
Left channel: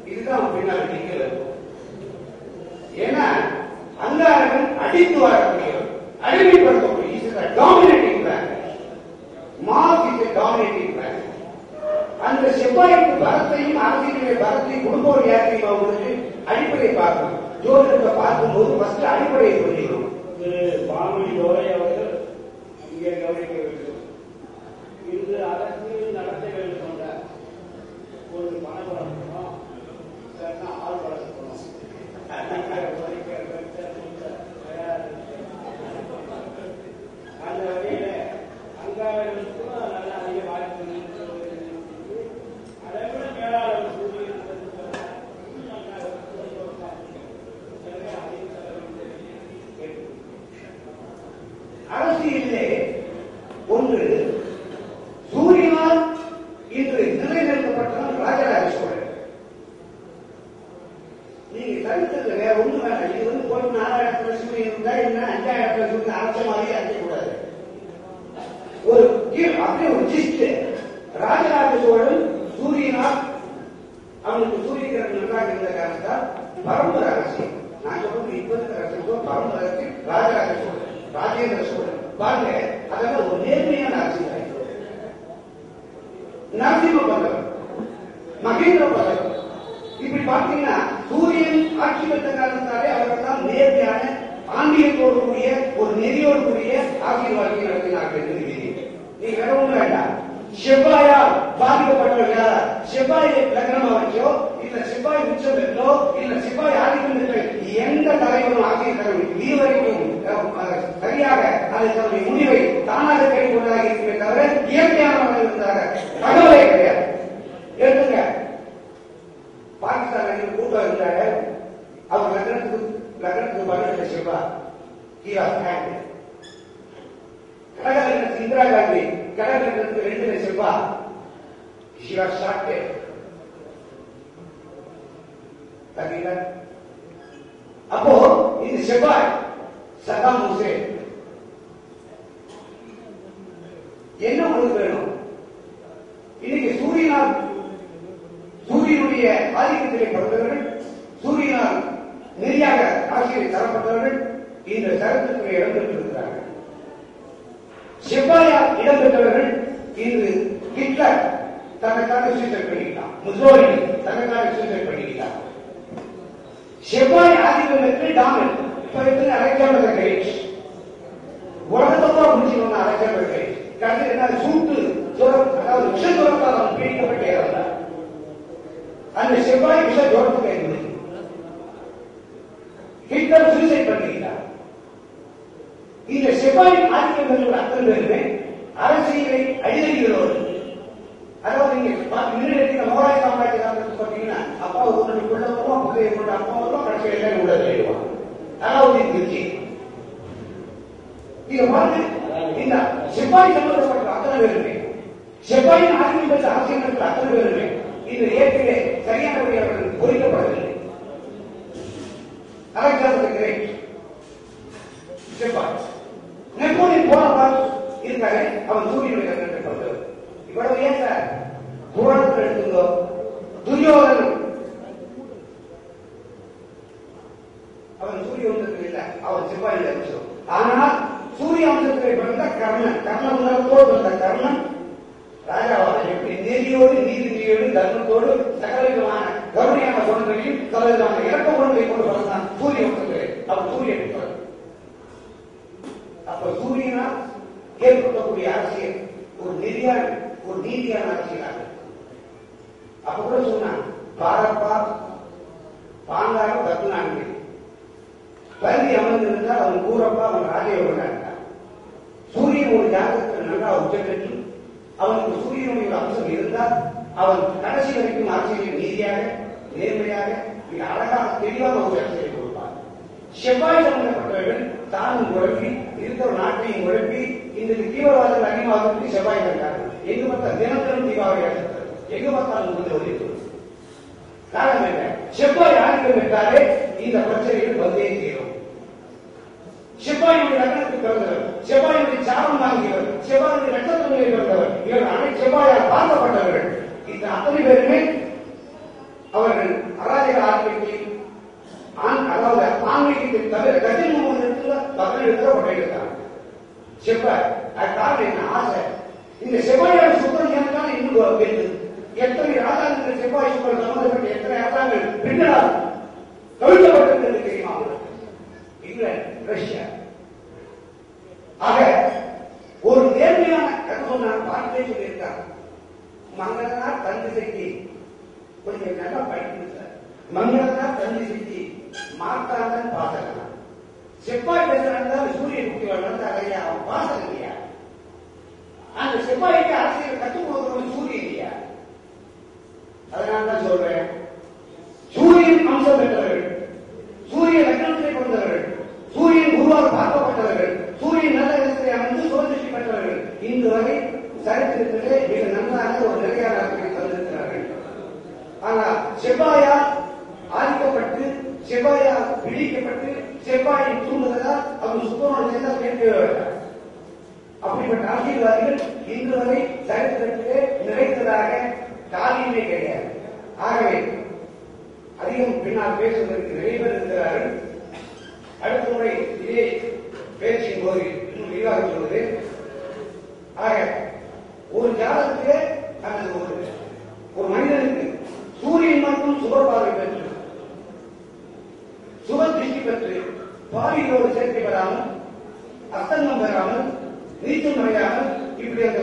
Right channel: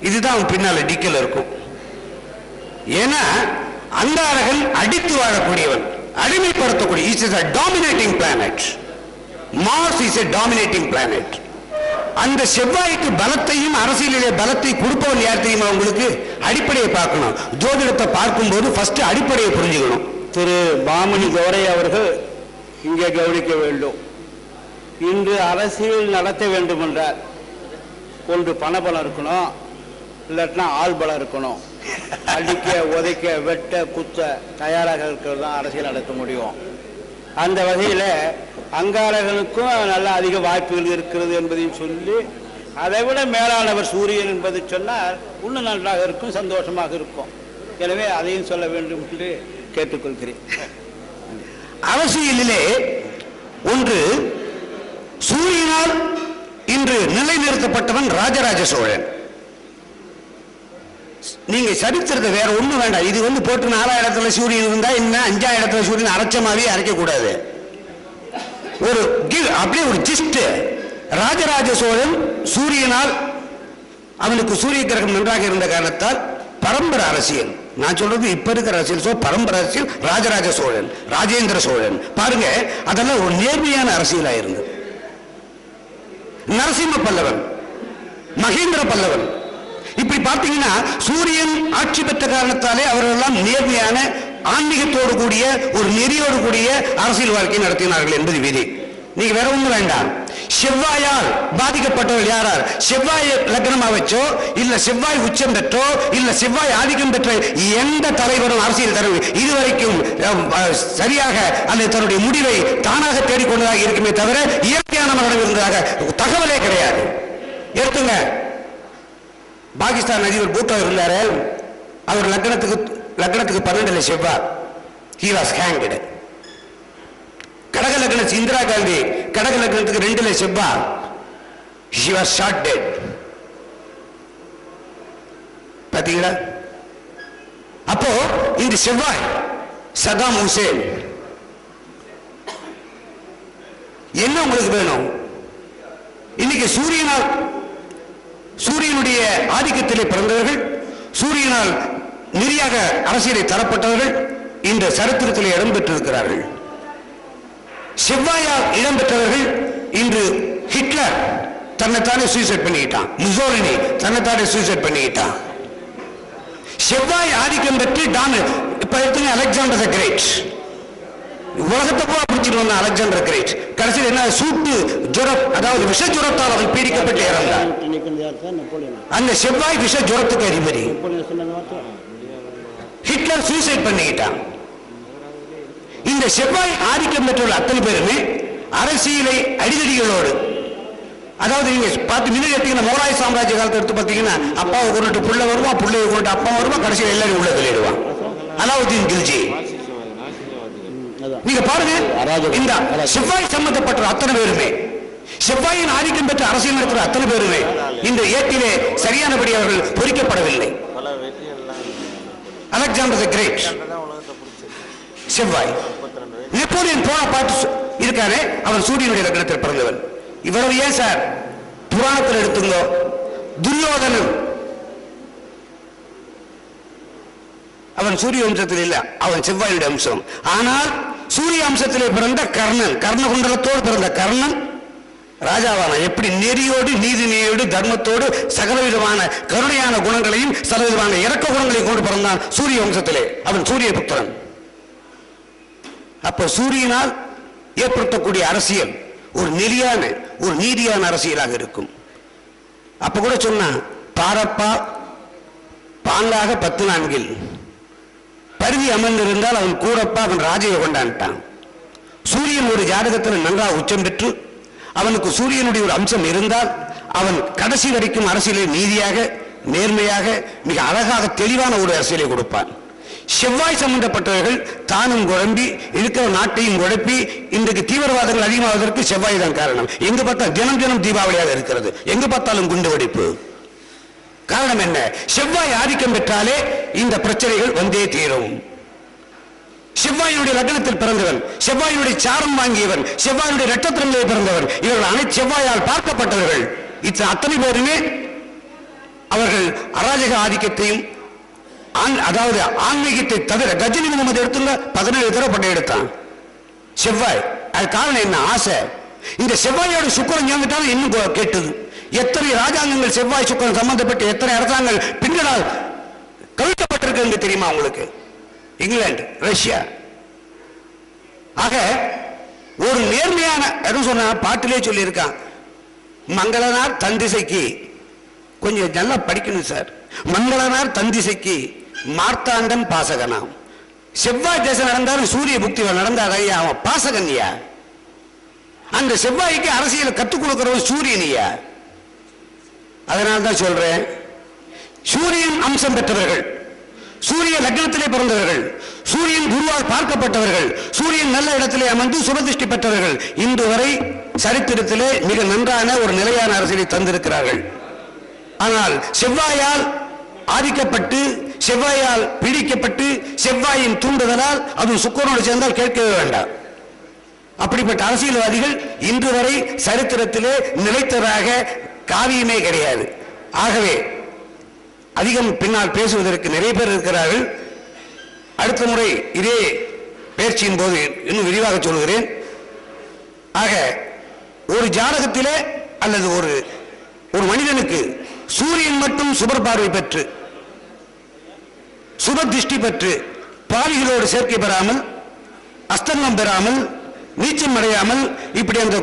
இதுதான் பின்னால டிக்கல் இருக்கும். ஏன்னா அங்காரகன் அடித்து வாழக்கூடியவன், அடிமைப்படுத்தக்கூடிய. It is a dominating planet. Mars is a dominating planet. அந்த செவ்வாய்க்கு பலத்தையும் அரசியலிலே பலத்தை கொடுப்பவன் யார் தெரியுமா உங்களுக்கு? அடிப்படையை பார்க்கணும். ஜோதிடத்தை பார்க்கும்போது ஃபர்ஸ்ட் அடிப்படையை புரிஞ்சுக்கணும். திரு பாமணி கௌரை அவர்கள் இங்கே கவனிக்க வேண்டும். இன்று அரசியல் நடத்த வேண்டும் என்றால் ஒன்று பணபலம் இருக்கணும், இல்லாட்டினா ஆள் பலம் இருக்கணும். அடிக்க, உதைக்க, வெட்ட, குத்த தயாராக இருக்கிறது தான் அரசியல் நடத்த முடியும். அந்த வகையில் அங்காரகனுக்கும் நல்ல அதிக வாய்ப்புகள் இருக்கிறது என்பதையும் சொல்லி, அதை விட மேலானவர் சூரியன் என்பதை சொன்னால் இன்னும் நன்றாக இருக்கும், சந்தோஷமாக இருக்கும். எனவே அதையும் சொல்ல வேண்டும் என்று கேட்டுக்கொள்கிறேன். அரசியலிலே ஒன்று சூரியனால் இன்று நிலைநிறுத்தப்பட்டவன் ராஜராஜ சோழன். நீங்க சரித்திரத்தை வேற ஒண்ணு வேண்டாம். இது போட்டு 4ஆம் இடத்துல சூரியன் இருந்தா என்ன, 5ஆம் இடத்துல சூரியன் அரைச்சமாவே அரைக்க கூடாது. ஒரு அப்படியே ஒரு ஜிஸ்ட். ராஜராஜ சோழன் சூரியனால், அவனுக்கு சூரிய கிரகம் நன்றாக இருந்த காரணத்தால் பரம்பரை அரசியல், நான் சொல்றது இப்ப இருக்கிற அரசியல், பரம்பரை அரசியல். ராஜராஜ சோழன், ராஜேந்திர சோழன் பாருங்க, அதெல்லாம் ஒரு நேர்மையான அரசியலா இருந்தது. நரசிம்ம பல்லவன், மகேந்திர பல்லவன். இப்படி பார்த்தீங்கன்னா சூரியன் ஆட்சி பெற்ற காரணத்தாலே அவர்களெல்லாம் நேர்மையான ஆன்மீகத்தோடு கூடிய ஒரு நெறியோடு கூடிய அரசியல் வாழ்க்கை நடத்தினார்கள் என்பது விதி. நீங்க வேற ஒண்ணும் வேண்டாம். செவ்வாயால் பாதிக்கப்பட்டவர்கள் யாரார்? செவ்வாய் லக்னமா வச்சோ இல்ல செவ்வாய் உச்சம் பெற்றோ இல்ல செவ்வாய் ஆதிக்கம் பெற்ற எந்த தலைவரும் அரசியல் தலைவர் இதுவரைக்கும் சரியாக அந்த தன்னுடைய முடிவை தானாக தேடிக்கொண்டதாக இருக்குமே தவிர இயற்கையான மரணம் இருந்ததாக தகவலே கிடையாது. ஏற்றுங்க, பாகிஸ்தான் அதிபர் பூட்டோ இருந்தாரு, அவர் லக்னத்துக்கு 12 செவ்வாய், he was hanged. கடக லக்னத்துக்கு இந்திரா காந்தி கடக லக்னத்துக்கு 2 செவ்வாய், she was shot dead. பாத்தீங்களா? அப்போ இந்த செவ்வாய் சதாம் ஹுசேன் என்ன உங்களுக்கு வேணும்? இன்னைக்கு சூரியனுடைய ஆதிக்கத்திலே பிறந்தவர்கள், சூரியனால் நெறியாக அரசியலை தரப்பட்டவர்கள் இந்த சரித்திரத்திலே இடம்பெற்றிருக்கிறார்கள். செவ்வாயால் இடம்பெற்றவர்கள் இன்று ஹிட்லர் தன்னைத்தானே சூசைட் பண்ணிக்கிட்டான், முசோலினி தன்னைத்தானே சூசைட் பண்ணிக்கிட்டான். செவ்வாய் ஆதிக்கம் பெற்று இப்ப எத்தனை அலெக்சாண்டர் தி கிரேட், உலகத்தை போல பிடிச்சிட்டு வந்த அலெக்சாண்டர் கிரேட் கடைசியில் என்ன சூட்டு ஜுரம், அதாவது விஷ ஜுரத்தால் அவர் பீடிக்கப்பட்டு இறந்தார். அந்த செவ்வாய் விஷ ஜுரத்துக்கு அதிபதி. ஹிட்லர் சூசைட் பண்ணிக்கிட்டான். இந்த செவ்வாய் ஆதிக்கம் பெற்றுள்ள அத்தனை பேருமே அரசியலை அடிதடிகளோடு, அதாவது நீங்க பார்த்து மிக மௌராய சாம்ராஜ்ய காலத்தை எடுத்து பார்த்தீங்கன்னா அப்பாவை கொண்டு புள்ள வருவான், புள்ளையை கொண்டு அப்பா வருவான், கடைசியில் எல்லாரும் உள்ள வெளியிடுவான். அலாவுதீன் கில்ஜி நீங்க பாருங்க, இந்த செவ்வாய் சம்பந்தப்பட்ட அத்தனை பேருமே, செவ்வாயின் ஆதிக்கம் பெற்ற அரசியல் இருக்கிற அத்தனை பேருமே இந்த ஏட்டிலே சரியானபடி அவர்கள் பொறிக்கப்படவில்லை. அலெக்சாண்டர் தி கிரேட் செவ்வாய், நெப்போலியன் போனாபார்ட் இருக்காரு, அவர் சூரியனுடைய லக்னத்தில் பிறந்தவர். இவ்வளவு ஏன் சார் புராணத்தில் எடுத்துங்க, துரியோதனன் அவன் சூரிய வம்சத்தில் இல்ல, அவன் செவ்வாயுடைய அம்சம். ஆனால் சூரிய அம்சத்திலே பிறந்த கர்ணன், கர்ணகுண்டலத்தோடு பிறந்த கர்ணன் ராஜாவான எப்படி நெறியோடு நீதி நெறியோடு தர்மத்தோடு சகலவிதமான கருணையான குணங்களையும் சகலவிதமான இறக்க குணங்களையும் கொண்டு பிறந்தான் சூரிய வம்சத்திலே. அவன் சூரிய புத்திரன். அப்ப சூரியனால் ஏற்படுத்தக்கூடிய அரசியல் ஒரு நெறியான ஒரு நீதியான அரசியலாக இருக்கும். அப்ப கூட சொன்னா பாரப்பா பாங்காக 14 பருவி அமர்ந்திருந்தால் அவன் கூடப்பா அவன் ராஜையை கொண்டான்ட்டான். சூரியன் ஒரு ஜாதகத்தில் நன்றாக உச்சம் பெற்று அவனுக்கு சூரியனுடைய ஒரு அம்சம் இருந்தால் அவன் கடைசி வரைக்கும் அரசியலை நீதியாக நேர்மையாக மிக அழகாக தெளிவான ஒரு அரசியலை கொடுப்பான். செவ்வாய் சம்பந்தப்பட்டவர்கள் தானும் குழம்பி இருக்கிற நாட்டையும் குழப்பி இன்றைக்கு தீவிரவாதங்கள் அதிகமாவதற்கு செவ்வாய் தான் காரணம். எங்க பார்த்தா தினம் தினம் தீபாவளியாக இருக்கிறது, எங்க பார்த்தாலும் குண்டு வெடிப்பு. காரணம் என்ன? செவ்வாய் ஆதிக்கம் பெற்றாலே இந்த பிரச்சனைகள் வந்தே தீரும். செவ்வாயினுடைய லக்னத்தில் பிறந்தவன், செவ்வாயினுடைய சாரம் வாங்கியவன், செவ்வாயுடைய நட்சத்திரங்களில் பிறந்தவன், இவர்கள் அனைத்து செவ்வாயால் பார்க்கப்பட்டவர்கள். அத்தனை பேருமே அவர்கள் அராஜக ஆதிக்கத்தையும் அதாவது ஆன்மீகத்தை தவிர கஜினி முகமது எடுத்துங்க 17 தடவை பட்டை எடுத்தான் செவ்வாய். அது காரணம் என்ன? ஆசை. இந்த செவ்வாயோட சுக்கரன் ஞாபகத்தாலும் இன்னும் கேட்டது. எத்தனை ராஜாங்கங்கள் செவ்வாய் சுக்கரன் சம்பந்தப்பட்டு எத்தனை அரசாங்கங்கள் பின்னால் கவிழ்க்கப்பட்டிருக்கு தெரியுமா உங்களுக்கு? இங்கிலாந்து, ரஷ்யா. ஆக ஒரு நேர்மையான எதுவும் சொன்ன பாட்டிலே சொல்லி இருக்கான், மங்களனார் தந்திசைக்கு கொஞ்சம் நல்லா படிக்கணும் சார். மங்களனார் தந்திசைக்கு மார்த்தாண்டன் பாசகனாம். செவ்வாய் தேசம் நடந்தாலும் சூரிய புக்தி நடந்தார் ஐயா, அவன் பாசகன்யா. அந்த செவ்வாய்க்கு அரசியல் கற்றுக் கொடுக்கிறவன் சூரியனியா. அதனால்தான் சொல்றேன், சூரியன் அம்சம் பெற்றவர்கள், சூரிய லக்னத்திலே பிறந்தவர்கள், சூரியன் குருவால் பார்க்கப்பட்டவர்கள், சூரியன் நல்ல இடத்திலே அமர்ந்து சுபதிஷ்டி பெற்றவர்கள் இன்று வரை சரித்திரத்திலே மிக நன்றான ஒரு நிலையான அரசியலை தந்திருக்கிறார்கள். ஆனால் செவ்வாயால் ஆதிக்கப்பட்டு செவ்வாயால் பிடிக்கப்பட்டு செவ்வாயின் தூண்டுதலால் அது சுக்கரனோடு சேர்ந்தால் கேட்கவே வேண்டாம். அப்படிப்பட்ட அரசியல்வாதிகள் இன்று வரை சரித்திரத்திலே நிலைத்ததாக காரியமே கிடையாது. ஆகவே அதிகம் பின்னால் பேசுவதற்கு நிறைய பேர் இருக்கிறார்கள். அடுத்த முறை இதே பேச்சின் போது இன்னும் விரிவாக சொல்கிறேன். ஆக ஒரு ஜாதகத்திலே அல்லது ஒரு மனிதனுக்கு சூரியன் மட்டும் சுபர் பார்வை பெற்று சுப திருஷ்டி பெற்று பாவிகளோடு சேர்க்கை பெறாமல் அஸ்தங்கம் பெறாமல் நீச்சம் அடையாமல் இப்படி அந்த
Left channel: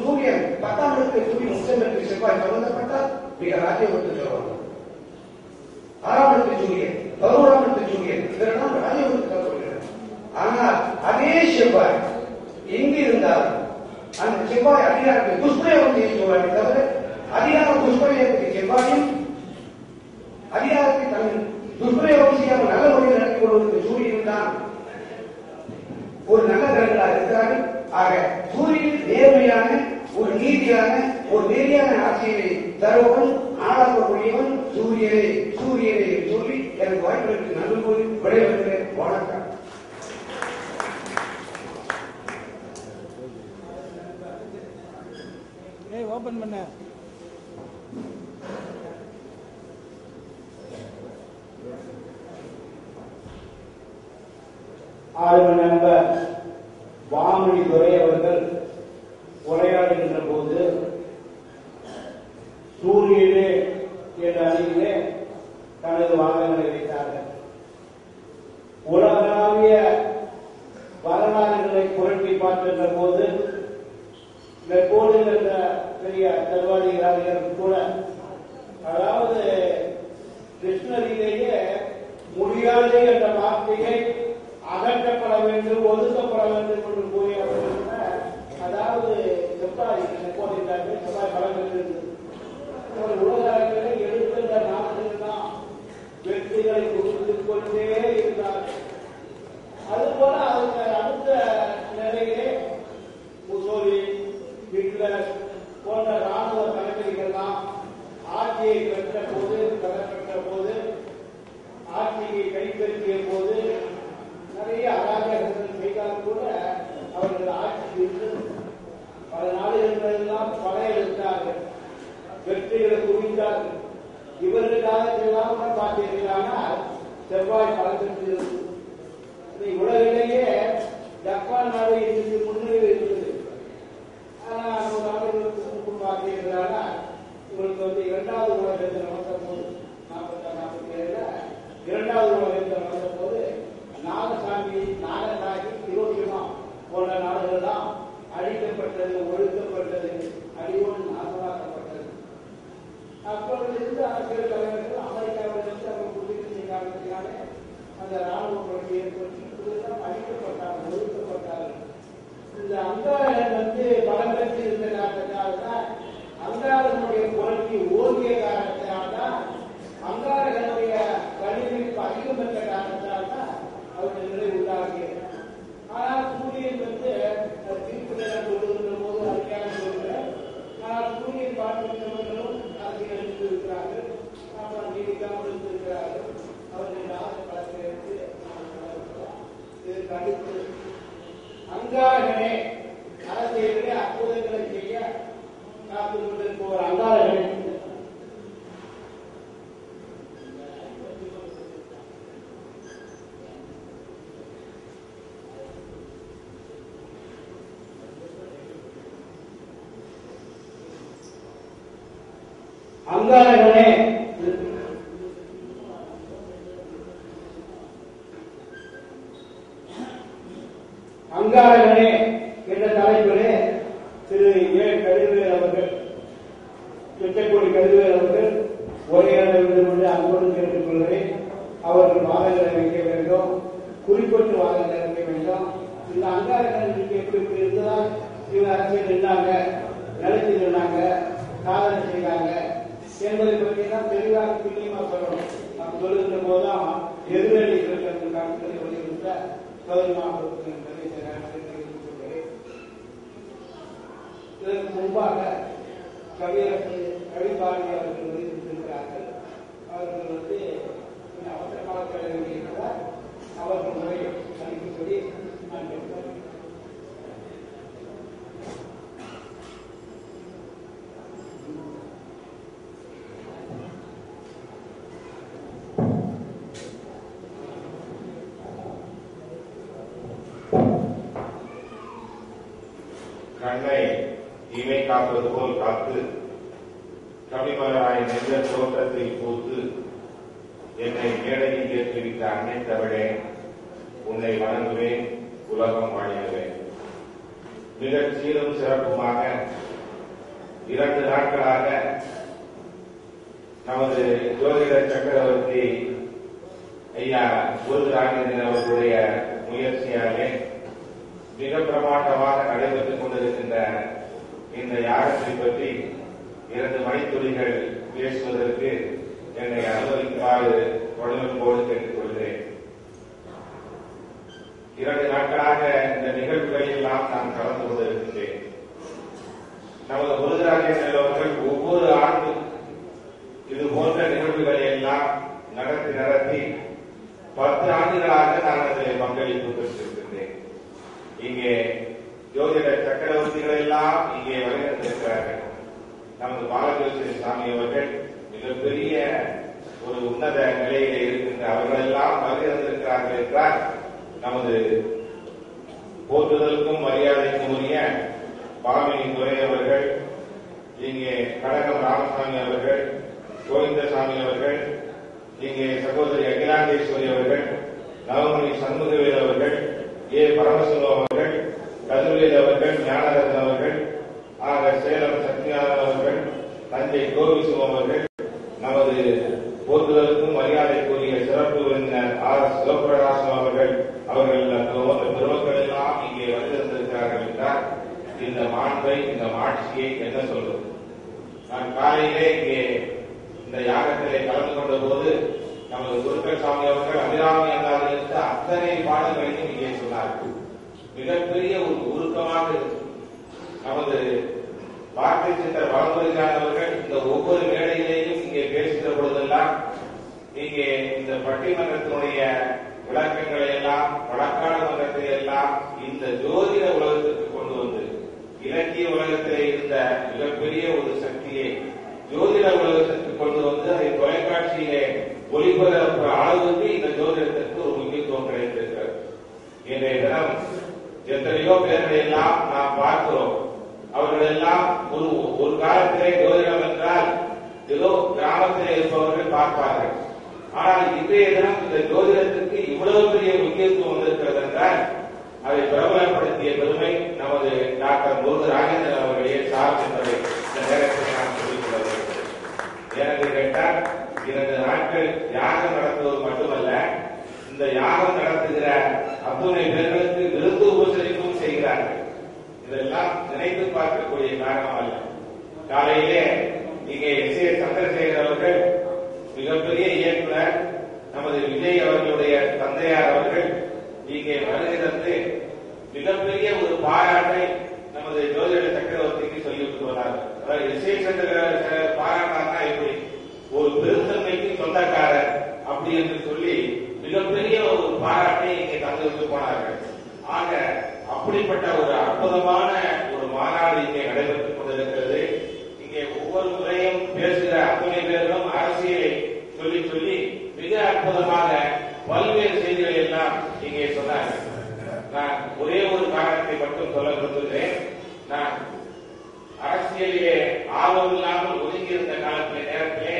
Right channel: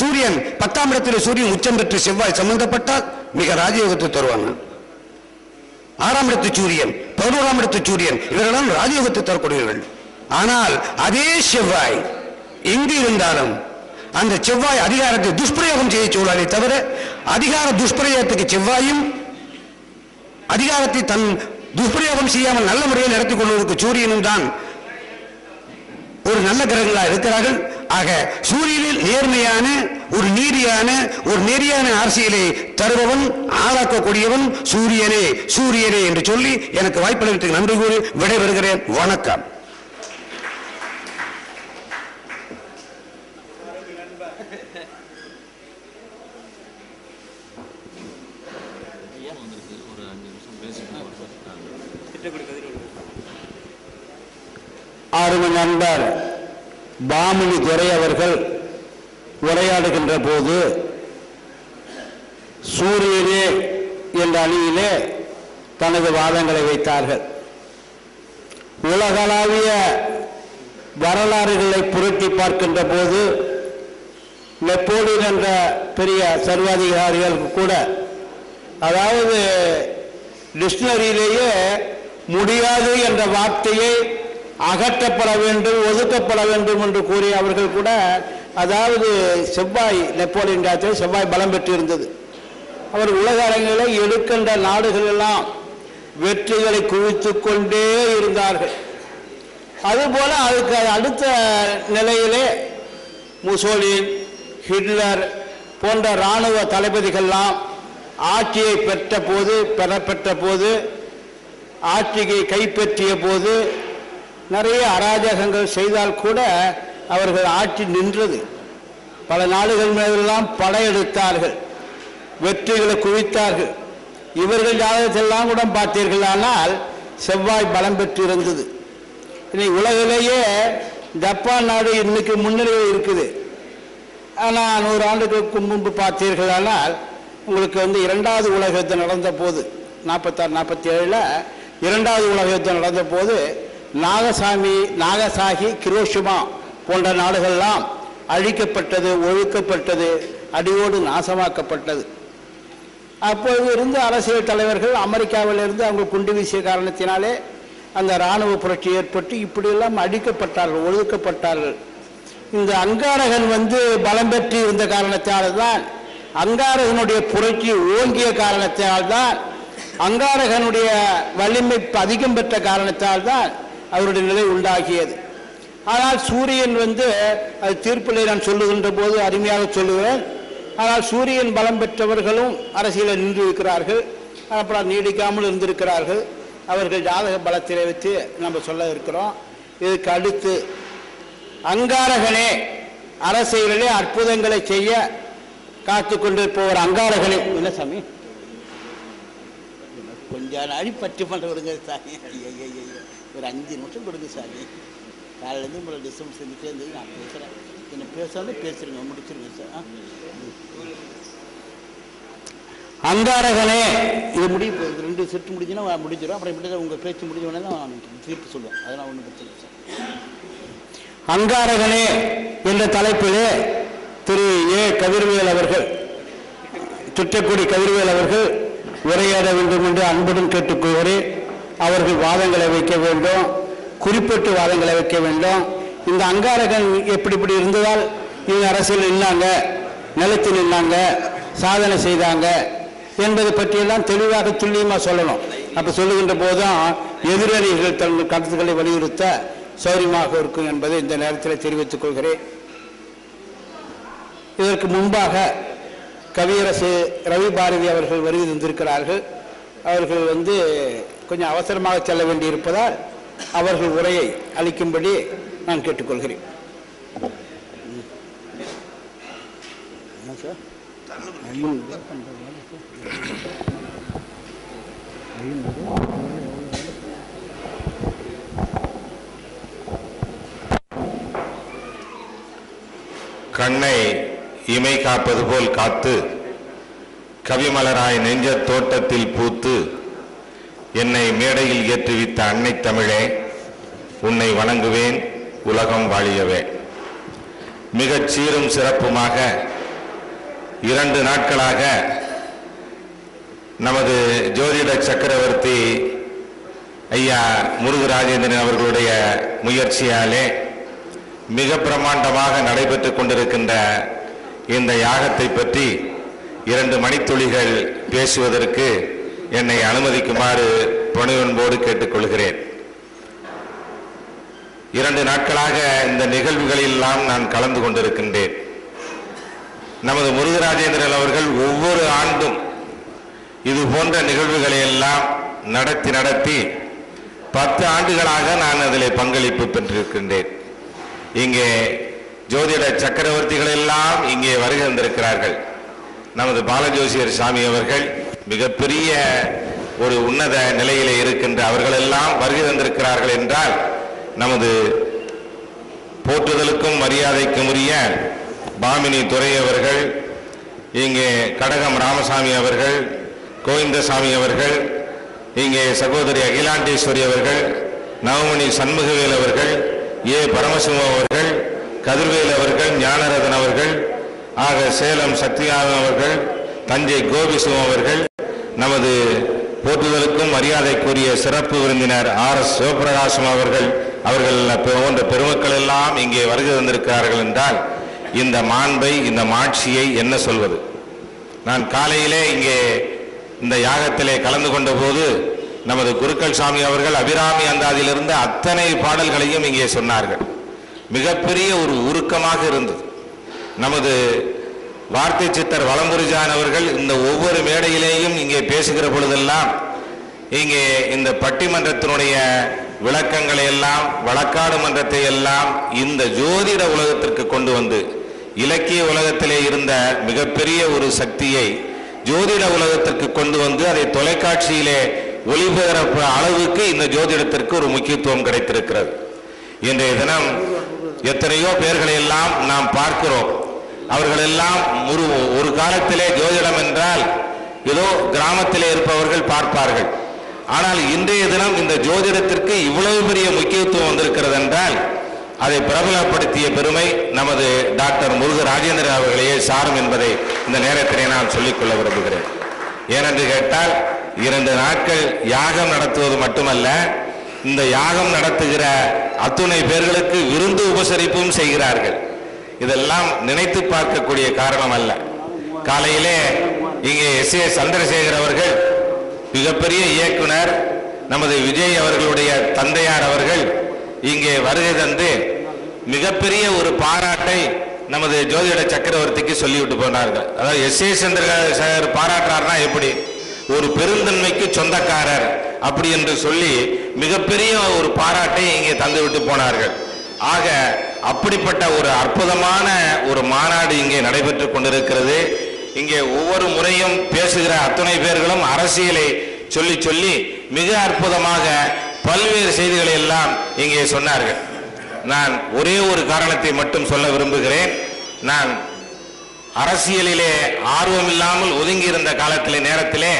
சூரியன் 10ஆம் இடத்தில் சூரியன் உச்சம் பெற்று செவ்வாய் சம்பந்தப்பட்டால் மிக ராஜயோகத்தை தருவாங்க. 6ஆம் இடத்து சூரியன் 11ஆம் இடத்து சூரியன் இவரெல்லாம் ராஜயோகத்தை தரக்கூடியவர்கள். ஆனால் அதே செவ்வாய் எங்கு இருந்தாலும் அந்த செவ்வாய் அதிகாரத்தை துஷ்பிரயோகம் செய்ய சூழலை தவிர அதிகார துஷ்பிரயோகத்துக்கு செவ்வாயும் அதிகாரத்தை தன் துஷ்பிரயோகம் செய்யாமல் நல்ல முறையில் நடத்திக் கொள்வதற்கு சூரியனும் தான் ஒரு நல்ல கிரகங்களாக இருக்கிறார்கள். ஆக சூரியனில் நேர்மையான ஒரு நீதியான ஒரு நெறியான அரசியலை தருபவன் ஆளாக்கக்கூடியவன் சூரியனே சூரியனே என்று சொல்லி எனக்கு வாய்ப்பளித்து நன்றி கூறி விடைபெறுகிறேன். வணக்கம். ஆர்வ நண்பர் பாமினி துரை அவர்கள் உரையாடுகின்ற போது சூரியனே என்ற அணியிலே தனது வாதங்களை வைத்தார்கள். உலகளாவிய வரலாறுகளை புரட்டி பார்க்கின்ற போது நெப்போலியன் என்ற பெரிய சர்வாதிகாரிகள் கூட, அதாவது டிக்ஷனரியிலேயே முடியாது என்ற வார்த்தையை அகற்றப்பட வேண்டும், ஒதுக்கப்பட வேண்டும் என்று கூறிய அவர்கள் கூட, அதாவது செவ்வாய் நெப்போலியன் ராஜ்யத்தில் செவ்வாய் பலம் பெற்று இருந்தது. அவர் உலக அரங்கிலே எடுக்கின்ற நாடுகள் எல்லாம் வெற்றிகளை குவித்துக் கொண்டே இருந்தார்கள். அதுபோல அதுக்கு அடுத்த நிலையிலே முசோலின், ஹிட்லர் போன்ற இராணுவ தளபதிகள்லாம் ஆட்சியை பெற்ற போது ஆட்சியை கைப்பற்றிய போது நிறைய அராஜகங்கள் செய்தால் கூட அவர்கள் ஆட்சி நின்றது. பல நாடுகள் மீதெல்லாம் படையெடுத்தார்கள், வெற்றிகளை குவித்தார்கள். இவர்கள் ஜாதகத்தெல்லாம் கூட பார்த்தீர்களானால் செவ்வாய் பலம் பெற்று இருந்தது. இன்னைக்கு உலகிலேயே ஜப்பான் நாடு இன்னைக்கு முன்னிலையில் இருக்குது. ஆனால் 100 ஆண்டுகளுக்கு முன்பு பார்த்தீர்களானால் உங்களுக்கு 2வது உலக யுத்தம் நடந்த போது 46-47 2வது உலக யுத்தம் நடந்த போது நாகசாகி, கிரோஷிமா போன்ற நாடுகள்லாம் அழிக்கப்பட்டது, ஒழுக்கப்பட்டது, அடியோடு நாசமாக்கப்பட்டது. அப்பொழுது இருந்த அரசியல் தலைவர்கள் அமெரிக்காவிலிருந்து அவங்க குண்டு வீசிய காரணத்தினாலே அந்த இராணுவ புரட்சி ஏற்பட்டு இப்படியெல்லாம் அழிக்கப்பட்டார்கள், ஒழுக்கப்பட்டார்கள். இந்த அங்காரகன் பலம் பெற்று இருந்த காரணத்தால்தான், அங்காரகனுடைய புரட்சி ஓங்கிய காரணத்தால்தான், அங்காரகனுடைய வலிமை அதிகம் பெற்ற காரணத்தால்தான் அவருடைய நிலை உண்டாகியது. ஆனால் சூரியன் அது தீர்ப்பிலே நான் சொல்லுகின்ற போது அருமையாக சொல்லுவேன். ஆனால் சூரியன் பலம் பெற்றவர்களும் அரசியலில் நின்று இருக்கிறார்கள், அப்புறம் நீடிக்காமல் இருந்திருக்கிறார்கள். அவர்கள் ஜாதக பலத்திலே வைத்து நம்ம சொல்ல இருக்கிறோம். இதுக்கு அடுத்து அங்காரகனே அரசியலிலே அற்புதங்களை செய்ய காத்து கொண்டிருப்பவர் அங்காரகனை என்ன சாமி கொஞ்சம் அடி பற்றி பண்ண விடுங்க சாமி, ஒரு 5 நிமிஷம் கொடுங்க சாமி. காலையிலேருந்து உங்களை டிஸ்டர்ப் செஞ்சுட்டே இருந்தது. நான் பேசுகிறேன், என்ன பேசாமல் பேசுறீங்க, முடிச்சிருங்க சார். அங்காரகனே இது முடிவு 2 செட்டு முடிஞ்சுன்னா முடிச்சிடும். அப்புறம் எப்படி உங்கள் பேச்சு முடிஞ்சோடனே தான் தீர்ப்பு சொல்லுவேன். அதெல்லாம் ஒன்றும் பிரச்சனை சார். அங்காரகனே என்ற தலைப்பிலே திரு ஏ கதிர்வேல் அவர்கள், துற்றக்குடி கதிர்வேல் அவர்கள் உரையாட வேண்டும் என்று அன்புடன் கேட்டுக்கொள்கிறேன். அவர்கள் வாதங்களை வைக்க வேண்டும், குறிப்பிட்டு வாதங்களை வைக்க வேண்டும். இந்த அங்காரகன் எப்படி இருந்ததால் இவங்க அரசியல் நின்னாங்க, நிலத்தில் நின்னாங்க, சாதனை செய்தாங்க என்பதை பற்றியெல்லாம் தெளிவாக துல்லியமாக சொல்லணும். அப்போ சொல்லுகின்ற போதுதான் எதிரணிகள் தங்கள் கருத்துக்களை வலியுறுத்த சௌரியமாக இருக்கும் என்பதை இந்த நேரத்தில் தெரிவித்துக் கொள்கிறேன். இதற்கு முன்பாக கவியரசு ரவி பாரதி அவர்கள் வருகை தந்திருக்கிறார்கள். அவர்கள் கொஞ்சம் அவசரமாக செல்ல வேண்டியிருப்பதால் அவர்கள் உரையை அளிக்கும்படி நான் கேட்டுக்கொள்கிறேன். கண்ணை இமை காப்பது போல் காத்து கவிமலராய் நெஞ்ச தோட்டத்தில் பூத்து என்னை மேடையில் ஏற்றுவித்த அன்னை தமிழே, உன்னை வணங்குவேன், உலகம் வாழியவே. மிகச் சீரும் சிறப்புமாக 2 நாட்களாக நமது ஜோதிட சக்கரவர்த்தி ஐயா முருகராஜேந்திரன் அவர்களுடைய முயற்சியாலே மிக பிரமாண்டமாக நடைபெற்றுக் கொண்டிருக்கின்ற இந்த யாகத்தை பற்றி 2 மணித்துளிகள் பேசுவதற்கு என்னை அனுமதிக்குமாறு பணிவன்போடு கேட்டுக்கொள்கிறேன். 2 நாட்களாக இந்த நிகழ்வுகளெல்லாம் நான் கலந்து கொண்டிருக்கின்றேன். நமது முருகராஜேந்திரன் அவர்கள் ஒவ்வொரு ஆண்டும் இது போன்ற நிகழ்வுகளை எல்லாம் நடத்தி 10 ஆண்டுகளாக நான் அதில் பங்களிப்பு பெற்றிருக்கின்றேன். இங்கே ஜோதிட சக்கரவர்த்திகள் எல்லாம் இங்கே வருகை வந்திருக்கிறார்கள். நமது பாலஜோசியர் சாமி அவர்கள் மிகப்பெரிய ஒரு உன்னத நிலையிலே இருக்கின்ற அவர்கள் எல்லாம் வருகை வந்திருக்கிறார்கள் என்றால் நமது போற்றுதலுக்கும் மரியாதைக்கும் உரிய பாமினி துரை அவர்கள், இங்கே கடகம் ராமசாமி அவர்கள், கோவிந்தசாமி அவர்கள், இங்கே சகோதரி அகிலாண்டேஸ்வரி அவர்கள், நவமணி சண்முகவேல் அவர்கள், ஏ பரமசிவம் அவர்கள், கதிர்வேல் அவர்கள், ஞானரதன் அவர்கள், ஆக சேலம் சக்திநாதன் அவர்கள், தஞ்சை கோபிசிவம் அவர்கள், நமது போற்றுதலுக்கும் மரியாதைக்குரிய சிறப்பு விருந்தினர் RS சிவபிரகாசம் அவர்கள் போன்ற பெருமக்கள் எல்லாம் இங்கே வருகை வந்திருக்கிறார்கள் என்றால் இந்த மாண்பை, இந்த மாட்சியை என்ன சொல்வது? நான் காலையிலே இங்கே இந்த யாகத்திலே கலந்து கொண்ட போது நமது குருக்கள் சாமி அவர்கள் அபிராமி அந்தாதியிலிருந்து அத்தனை பாடல்களையும் இங்கே சொன்னார்கள். மிகப்பெரிய ஒரு உருக்கமாக இருந்தது. நமது வார்த்தை சித்தர் வலம்புரிஜான் அவர்கள் இந்த ஒவ்வொரு மேடையிலேயும் இங்கே பேசுகிற பொழுதெல்லாம் இங்கே இந்த பட்டிமன்றத்தினுடைய விளக்கங்களை எல்லாம், வழக்காடு மன்றத்தை எல்லாம் இந்த ஜோதிட உலகத்திற்கு கொண்டு வந்து இலக்கிய உலகத்திலே இருந்த மிகப்பெரிய ஒரு சக்தியை ஜோதிட உலகத்திற்கு கொண்டு வந்து அதை தொலைக்காட்சியிலே ஒளிபரப்பு அளவுக்கு இந்த ஜோதிடத்திற்கு ஒரு முக்கியத்துவம் கிடைத்திருக்கிறது. இன்றைய தினம் எத்தனையோ பேர்களை எல்லாம் நாம் பார்க்கிறோம். அவர்களெல்லாம் ஒரு காலத்திலே ஜோதிடம் என்றால் ஏதோ கிராமத்திலே இருப்பவர்கள் பார்ப்பார்கள். ஆனால் இன்றைய தினம் இந்த ஜோதிடத்திற்கு இவ்வளவு பெரிய முக்கியத்துவம் வந்திருக்கிறது என்றால் அதை பிரபலப்படுத்திய பெருமை நமது டாக்டர் முருகராஜேந்திரன் அவர்களே சாரும் என்பதை இந்த நேரத்திலே நான் சொல்லிக்கொள்ள விரும்புகிறேன். ஏனென்று கேட்டால் 2 நாட்கள் யாகம் நடத்துவது மட்டுமல்ல, இந்த யாகம் நடத்துகிற அத்துணை பேர்களுக்கு விருந்து உபசரிப்பும் செய்கிறார்கள். இதெல்லாம் நினைத்து பார்க்கக்கூடிய காரணம் அல்ல. காலையிலே இங்கே S.A. சந்திரசேகர் அவர்கள் மிகப்பெரிய இயக்குனர், நமது விஜய் அவர்களுடைய தந்தையார் அவர்கள் இங்கே வருகை தந்து மிகப்பெரிய ஒரு பாராட்டை நமது ஜோதிட சக்கரவர்த்திக்கு சொல்லிவிட்டு போனார்கள். அதாவது S.A. சந்திரசேகர் பாராட்டுறாருன்னா எப்படி? ஒரு பெருந்தன்மைக்கு சொந்தக்காரர் அப்படி என்று சொல்லி மிகப்பெரிய ஒரு பாராட்டை இங்கே தந்துவிட்டு போனார்கள். ஆக அப்படிப்பட்ட ஒரு அற்புதமான ஒரு மாநாடு இங்கே நடைபெற்றுக் கொண்டிருக்கிறது. இங்கே ஒவ்வொரு முறையும் பேசுகிற அத்தனை பேர்களும் அரசியலை சொல்லி சொல்லி மிக அற்புதமாக பல்வேறு செய்திகளை எல்லாம் இங்கே சொன்னார்கள். நான் ஒரே ஒரு காரணத்தை மட்டும் சொல்ல விரும்புகிறேன். நான் அரசியலிலே ஆர்வம் இல்லாமல் ஒதுங்கி இருந்த காலத்திலே நேரத்திலே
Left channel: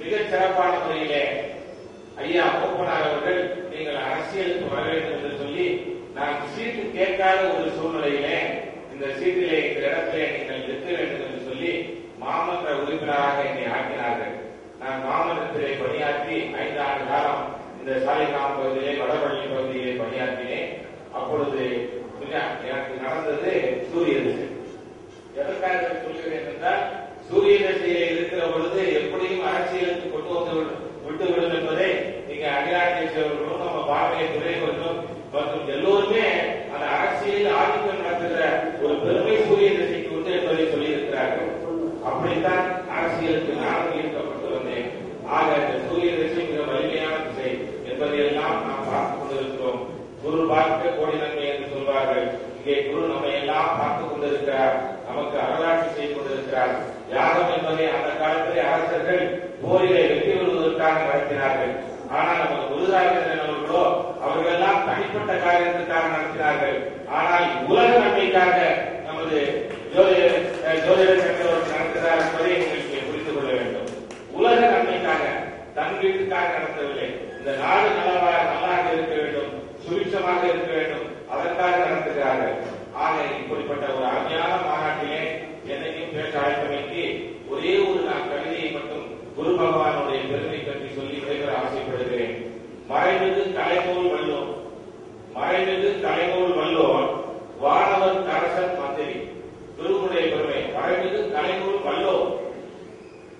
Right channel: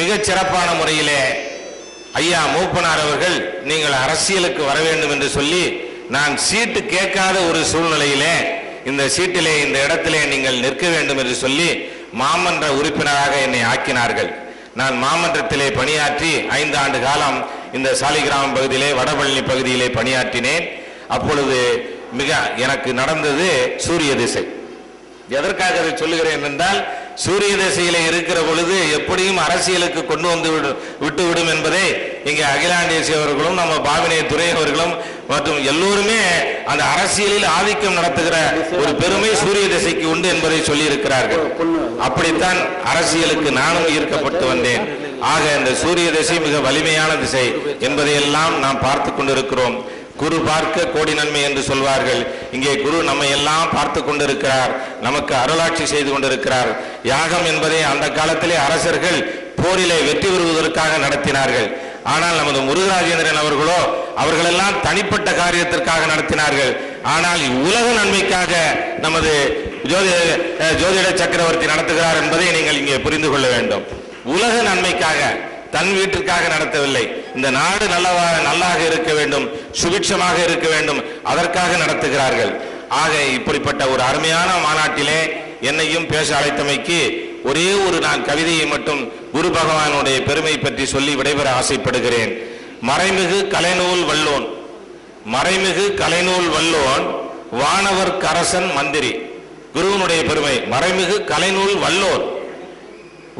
மிகச் சிறப்பான முறையிலே ஐயா மூப்பனார் அவர்கள் நீங்கள் அரசியலுக்கு வர வேண்டும் என்று சொல்லி நான் சீட்டு கேட்காத ஒரு சூழ்நிலையிலே இந்த சீட்டிலே இந்த இடத்திலே நீங்கள் நிற்க வேண்டும் என்று சொல்லி மாமன்ற உறுப்பினராக என்னை ஆக்கினார்கள். நான் மாமன்றத்திலே பணியாற்றி 5 ஆண்டு காலம் இந்த சாலிகிராமம் பகுதியிலே வடபழனி பகுதியிலே பணியாற்றினேன். அப்பொழுது மிக எனக்கு நடந்தது சூரிய திசை. எதற்காக அதை சொல்லுகிறேன் என்றால், சூரிய திசையிலே இருக்கிற பொழுது எப்படியும் அரசியலுக்கு கொண்டு வந்து விட்டுவிடும் என்பதை இங்கே அகிலாண்டேசி அவர்களும் நம்ம பாவினே துரை அவர்களும் மற்றும் எல்லோருமே அந்த அரசியலில் ஆதிக்கம் நடத்துகிற ஒரு பெருமை சூரிய திசைக்கு உண்டு என்பதை சொல்லி இருக்கிறார்கள். அப்படித்தான் அரசியலுக்கு நானும் ஈர்க்கப்பட்டு வந்தேன். ஆக இந்த சூரிய திசை மிக வலிமையான திசை என்பதையெல்லாம் நாம் பார்த்து கொண்டிருக்கிறோம். குரு பார்க்க கோடி நன்மை என்று சொல்வார்கள். இங்கே குரு நம்மை எல்லாம் பார்த்து கொண்டிருக்கிறார், நமக்கு அருளாட்சி செய்து கொண்டிருக்கிறார். யாகம் என்பதை அந்த காலத்திலே அரசர்கள் போரிலே வெற்றி பெறுவதற்காக நடத்தினார்கள். ஆனால் நமது முருகராஜேந்திரன் அவர்களோ அவர்களெல்லாம் தனிப்பட்ட காரியத்திற்காக நடத்தினார்கள். ஆனால் உலக நன்மைக்காக நமது ஜோதிட சக்கரவர்த்தி நடத்துகிறார் என்பதை நீங்கள் இங்கே புரிந்து கொள்ள வேண்டும். உலக நன்மைக்காக, தன் வீட்டிற்காக நடத்தவில்லை. இந்த நாடு நல்லாக இருக்க வேண்டும், சுபிட்சமாக இருக்க வேண்டும், அதற்காக நடத்துகிறார்கள். ஆக இப்படிப்பட்ட ஒரு அருமையான மாநாட்டிலே என்னையும் பேச அழைத்தமைக்கு ஒரே ஒரு நான் கவிதையை மட்டும் குரு பகவானுடைய பெருமை பற்றி சொல்லி விடைபெற ஆசைப்படுகிறேன். மறைமிகு கலைநூல் வல்லோன், மறைமிகு கலைநூல் வல்லோன், வானவர் கரசன் மந்திரி. குருவனுடைய பெருமை. மறைமிகு கலைநூல் வல்லோன்,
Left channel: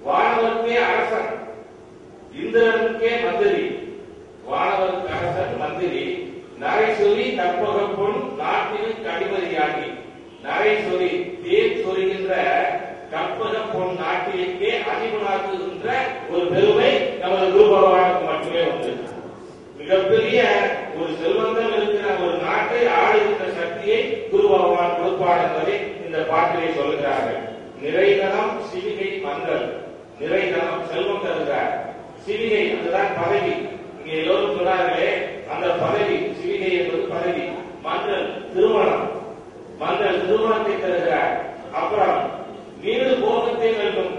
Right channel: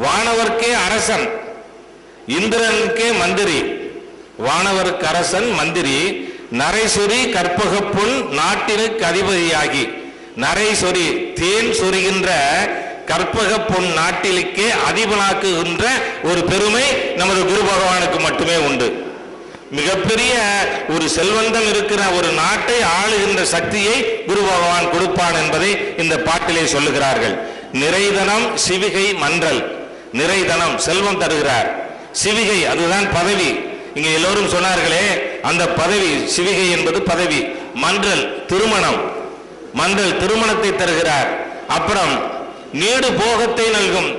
வானவர்க்கே அரசன், இந்திரனுக்கே மந்திரி, வானவருக்கு அரசன் மந்திரி, நரைசொரி கற்பகப்புல் நாட்டிற்கு அதிபதியாகி. நரைசொரி தேன் சொரிகின்ற கற்பக பொன் நாட்டிலுக்கே அதிபனாக்குகின்ற ஒரு பெருமை நமது குரு பகவானுக்கு மட்டுமே உண்டு. மிகப்பெரிய ஒரு செல்வந்தம் இருக்கிற ஒரு நாட்டை ஆளுகின்ற சக்தியை குரு பகவான் கொடுப்பான் என்பதை இந்த பாட்டிலே சொல்லுகிறார்கள். நிறைதனம் சிவிகை மன்றல். நிறைதனம் செல்வம் தருகிறார், சிவிகை அதுதான் பதவி. இங்க எல்லோரும் சொன்னார்களே அந்த பதவி, சிவிகை என்பது பதவி. மன்றல் திருமணம், மன்றல் திருமணத்தை தருகிறார். அப்புறம் நீடு போகத்தை நல்கும்,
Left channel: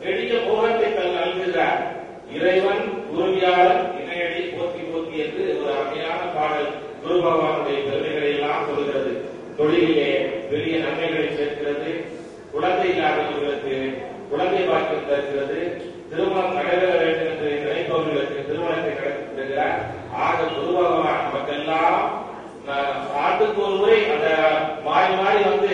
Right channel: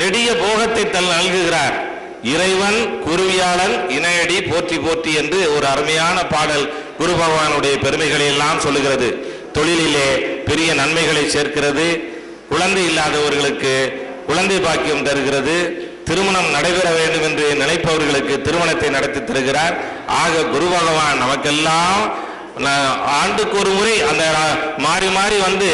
நெடிய போகத்தை நல்குகிறார். இறைவன் குருவியாளன் இணையடி போற்றி போற்றி என்று ஒரு அருமையான பாடல் குரு பகவானுடைய பெருமைகளை எல்லாம் சொல்லுகிறது. தொழிலிலே பெரிய நன்மைகளை சேர்க்கிறது, குழந்தை இல்லாதவர்களுக்கு குழந்தை பாக்கியம் தருகிறது, திருமணம் நடைபெற வேண்டும் என்று நினைப்பவர்களுக்கு திருமணத்தை நடத்தி தருகிறார். ஆக குரு பகவான் நமக்கெல்லாம் ஆண்டுக்கு ஒரு முறை அந்த மாறி மாறி வந்து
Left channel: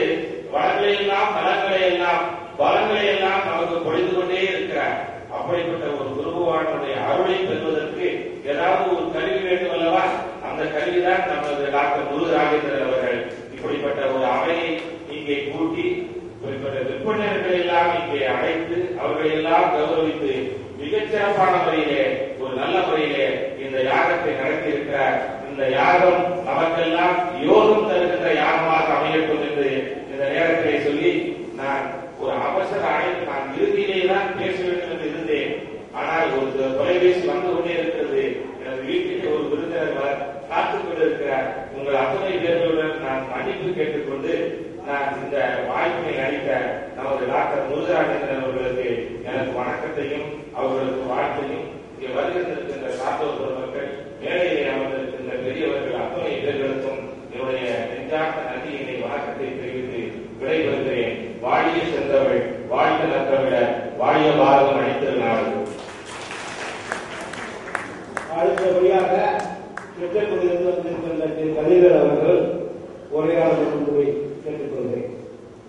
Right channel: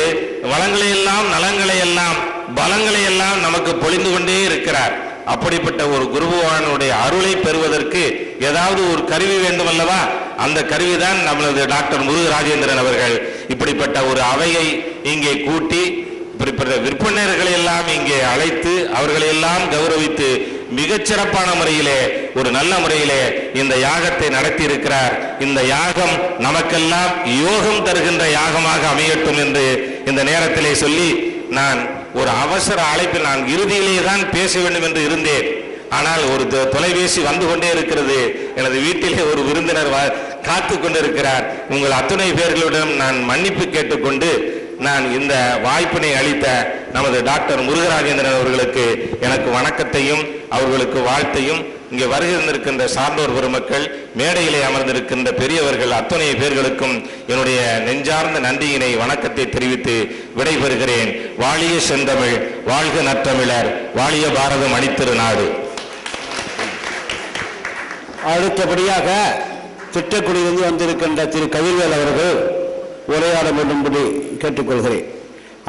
வளங்களை எல்லாம், நலங்களை எல்லாம், பலங்களை எல்லாம் நமக்கு பொழிந்து கொண்டே இருக்கிறார். அப்படிப்பட்ட ஒரு குரு பகவானுடைய அருளை பெறுவதற்கு ஏதாவது ஒரு கருவி வேண்டும் அல்லவா? அந்த கருவிதான் நமது டாக்டர் முருகராஜேந்திரன் அவர்கள் இப்படிப்பட்ட ஒரு அவையை இங்கே கூட்டி இப்படிப்பட்ட விற்பனர்களை எல்லாம் இங்கே அழைத்து அவர்களை எல்லாம் கௌரவித்து மிகச்சிறப்பான முறையிலே, ஒரு நல்ல முறையிலே இந்த யாகத்தை நடத்தி இருக்கிறார். இந்த யாகம் நமக்கெல்லாம் யோகம் தருகின்ற யாகமாக அமையட்டும் என்று இந்த நேரத்திலே சொல்லி, நான் ஒரு அவசர அழைப்பில் நான் இறுதியிலே தான் பேச வேண்டும் என்று இருந்தேன். ஆனால் ஒரு தொலைபேசி வந்து கொண்டே இருக்கிறது. எனது வீட்டிலே ஒரு விருந்தினர் காத்து கொண்டிருக்கிறார். உங்கள் அத்தனை பேர்களிடம் நான் மன்னிப்பு கேட்டுக்கொண்டு நான் இந்த வாய்ப்பினை அளித்த நமது டாக்டர் முருகராஜேந்திரன் அவர்களுக்கு எனக்கு வணக்கத்தையும் அவர்களுக்கு வாழ்த்தையும், இங்கே வருகின்ற சான்றோர் பெருமக்கள், மேடையிலே அமர்ந்திருக்கின்ற பெரியவர்கள் அத்தனை பேர்களுக்கும் என்னுடைய நெஞ்சார்ந்த நன்றியினை வணக்கத்தை தெரிவித்து விடைபெறுகிறேன். வாழிய செந்தமிழ், வாழ்க நற்றமிழர், வாழிய பாரதம் அணித்திருநாடு. அடுத்தபடியாக திட்டக்குடியிலிருந்து வந்திருக்கின்ற திரு கவிவேல் அவர்கள் உரையாட வேண்டும்படி கேட்டுக்கொள்கிறேன்.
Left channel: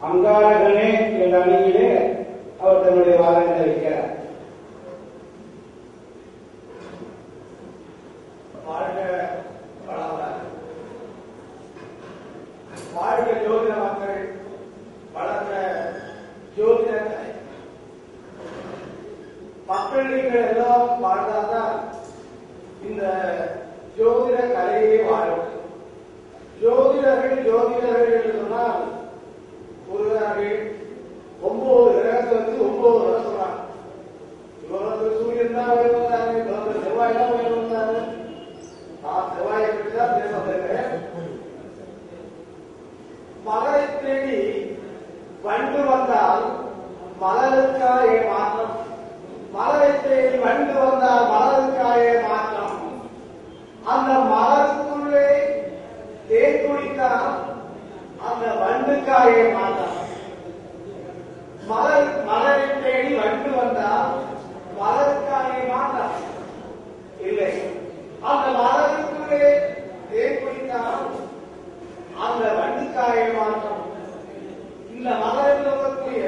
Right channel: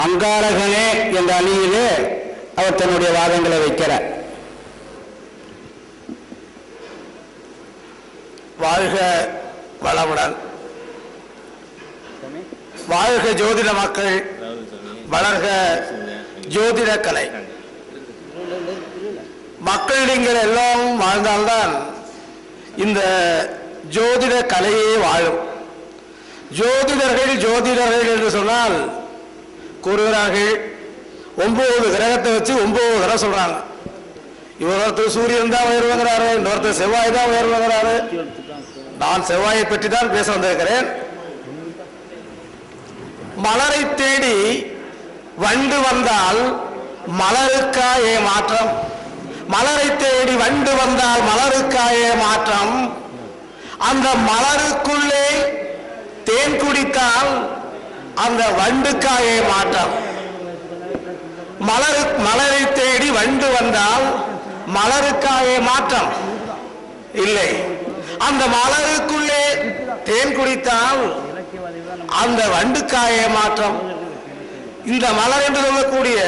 அங்காளகனே என்ற அணியிலே அவர் தன்னுடைய வாதங்களை வைக்கிறார். வாழ்க வளமுடன், வாழ்க ஜோதிட மக்கள், வளர்க ஜோதிட கலை. மக்கள் நீங்கள் எல்லாம் வாழ்ந்தால்தான் இந்த ஜோதிட கலையே வாழும். ஜோதிடர்கள் என்று சொன்னால் கூறுகிறார்கள், 9 கிரகத்தை வச்சு 9 தடவை சொல்றாங்க. இவரொருத்தர் சூரியன் தான் உயர்வுங்கிறாரு, இன்னொருத்தர் செவ்வாய் தான் உயர்வுங்கிறாரு. நான் செவ்வாயை பற்றி தான் பேச வந்திருக்கிறேன். மலரை தேடி வண்டு வந்தால் மலருக்காயே மாற்றம், மலரை தேடி வண்டு வந்தால் மலருக்காயே மாற்றம், அந்த மலருக்குள்ளே தேன் குடித்தால் அந்த வண்டுக்காயே மாற்றம். மலரை தேடி வண்டு வந்தால் மலருக்காயே மாற்றம் இல்லை, அந்த மலருக்குள்ளே தேன் குடித்தால் அந்த வண்டுக்காயே மாற்றம். இந்த மலர் என்று சொல்லக்கூடிய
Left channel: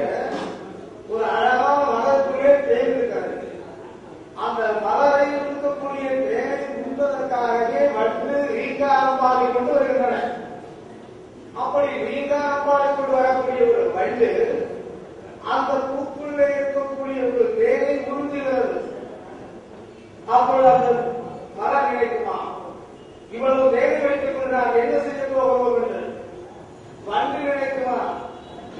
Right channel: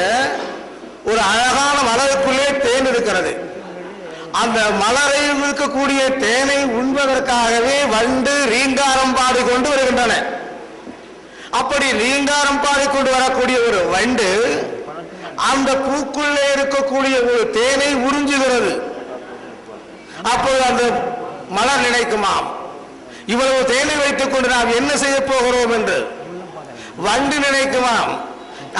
ஒரு அழகான மலருக்குள்ளே தேன் இருக்கிறது. அந்த மலரில் இருக்கக்கூடிய தேனை உண்பதற்காகவே வண்டு ரீங்காரம் பாடிக்கொண்டு வருகின்றன. அப்படி ரீங்காரம் பாடிக்கொண்டு வரக்கூடிய ஒரு வண்டு அந்த பூக்குள்ளே இருக்கக்கூடிய ஒரு தேனை உறிஞ்சுகிறது. அப்போது அந்த மலர் நினைக்குமாம், இவ்வளவு தேனை வைத்துக் கொண்டு நாம் என்ன செய்ய போகிறோம் என்று. வண்டு நினைக்குமாம்,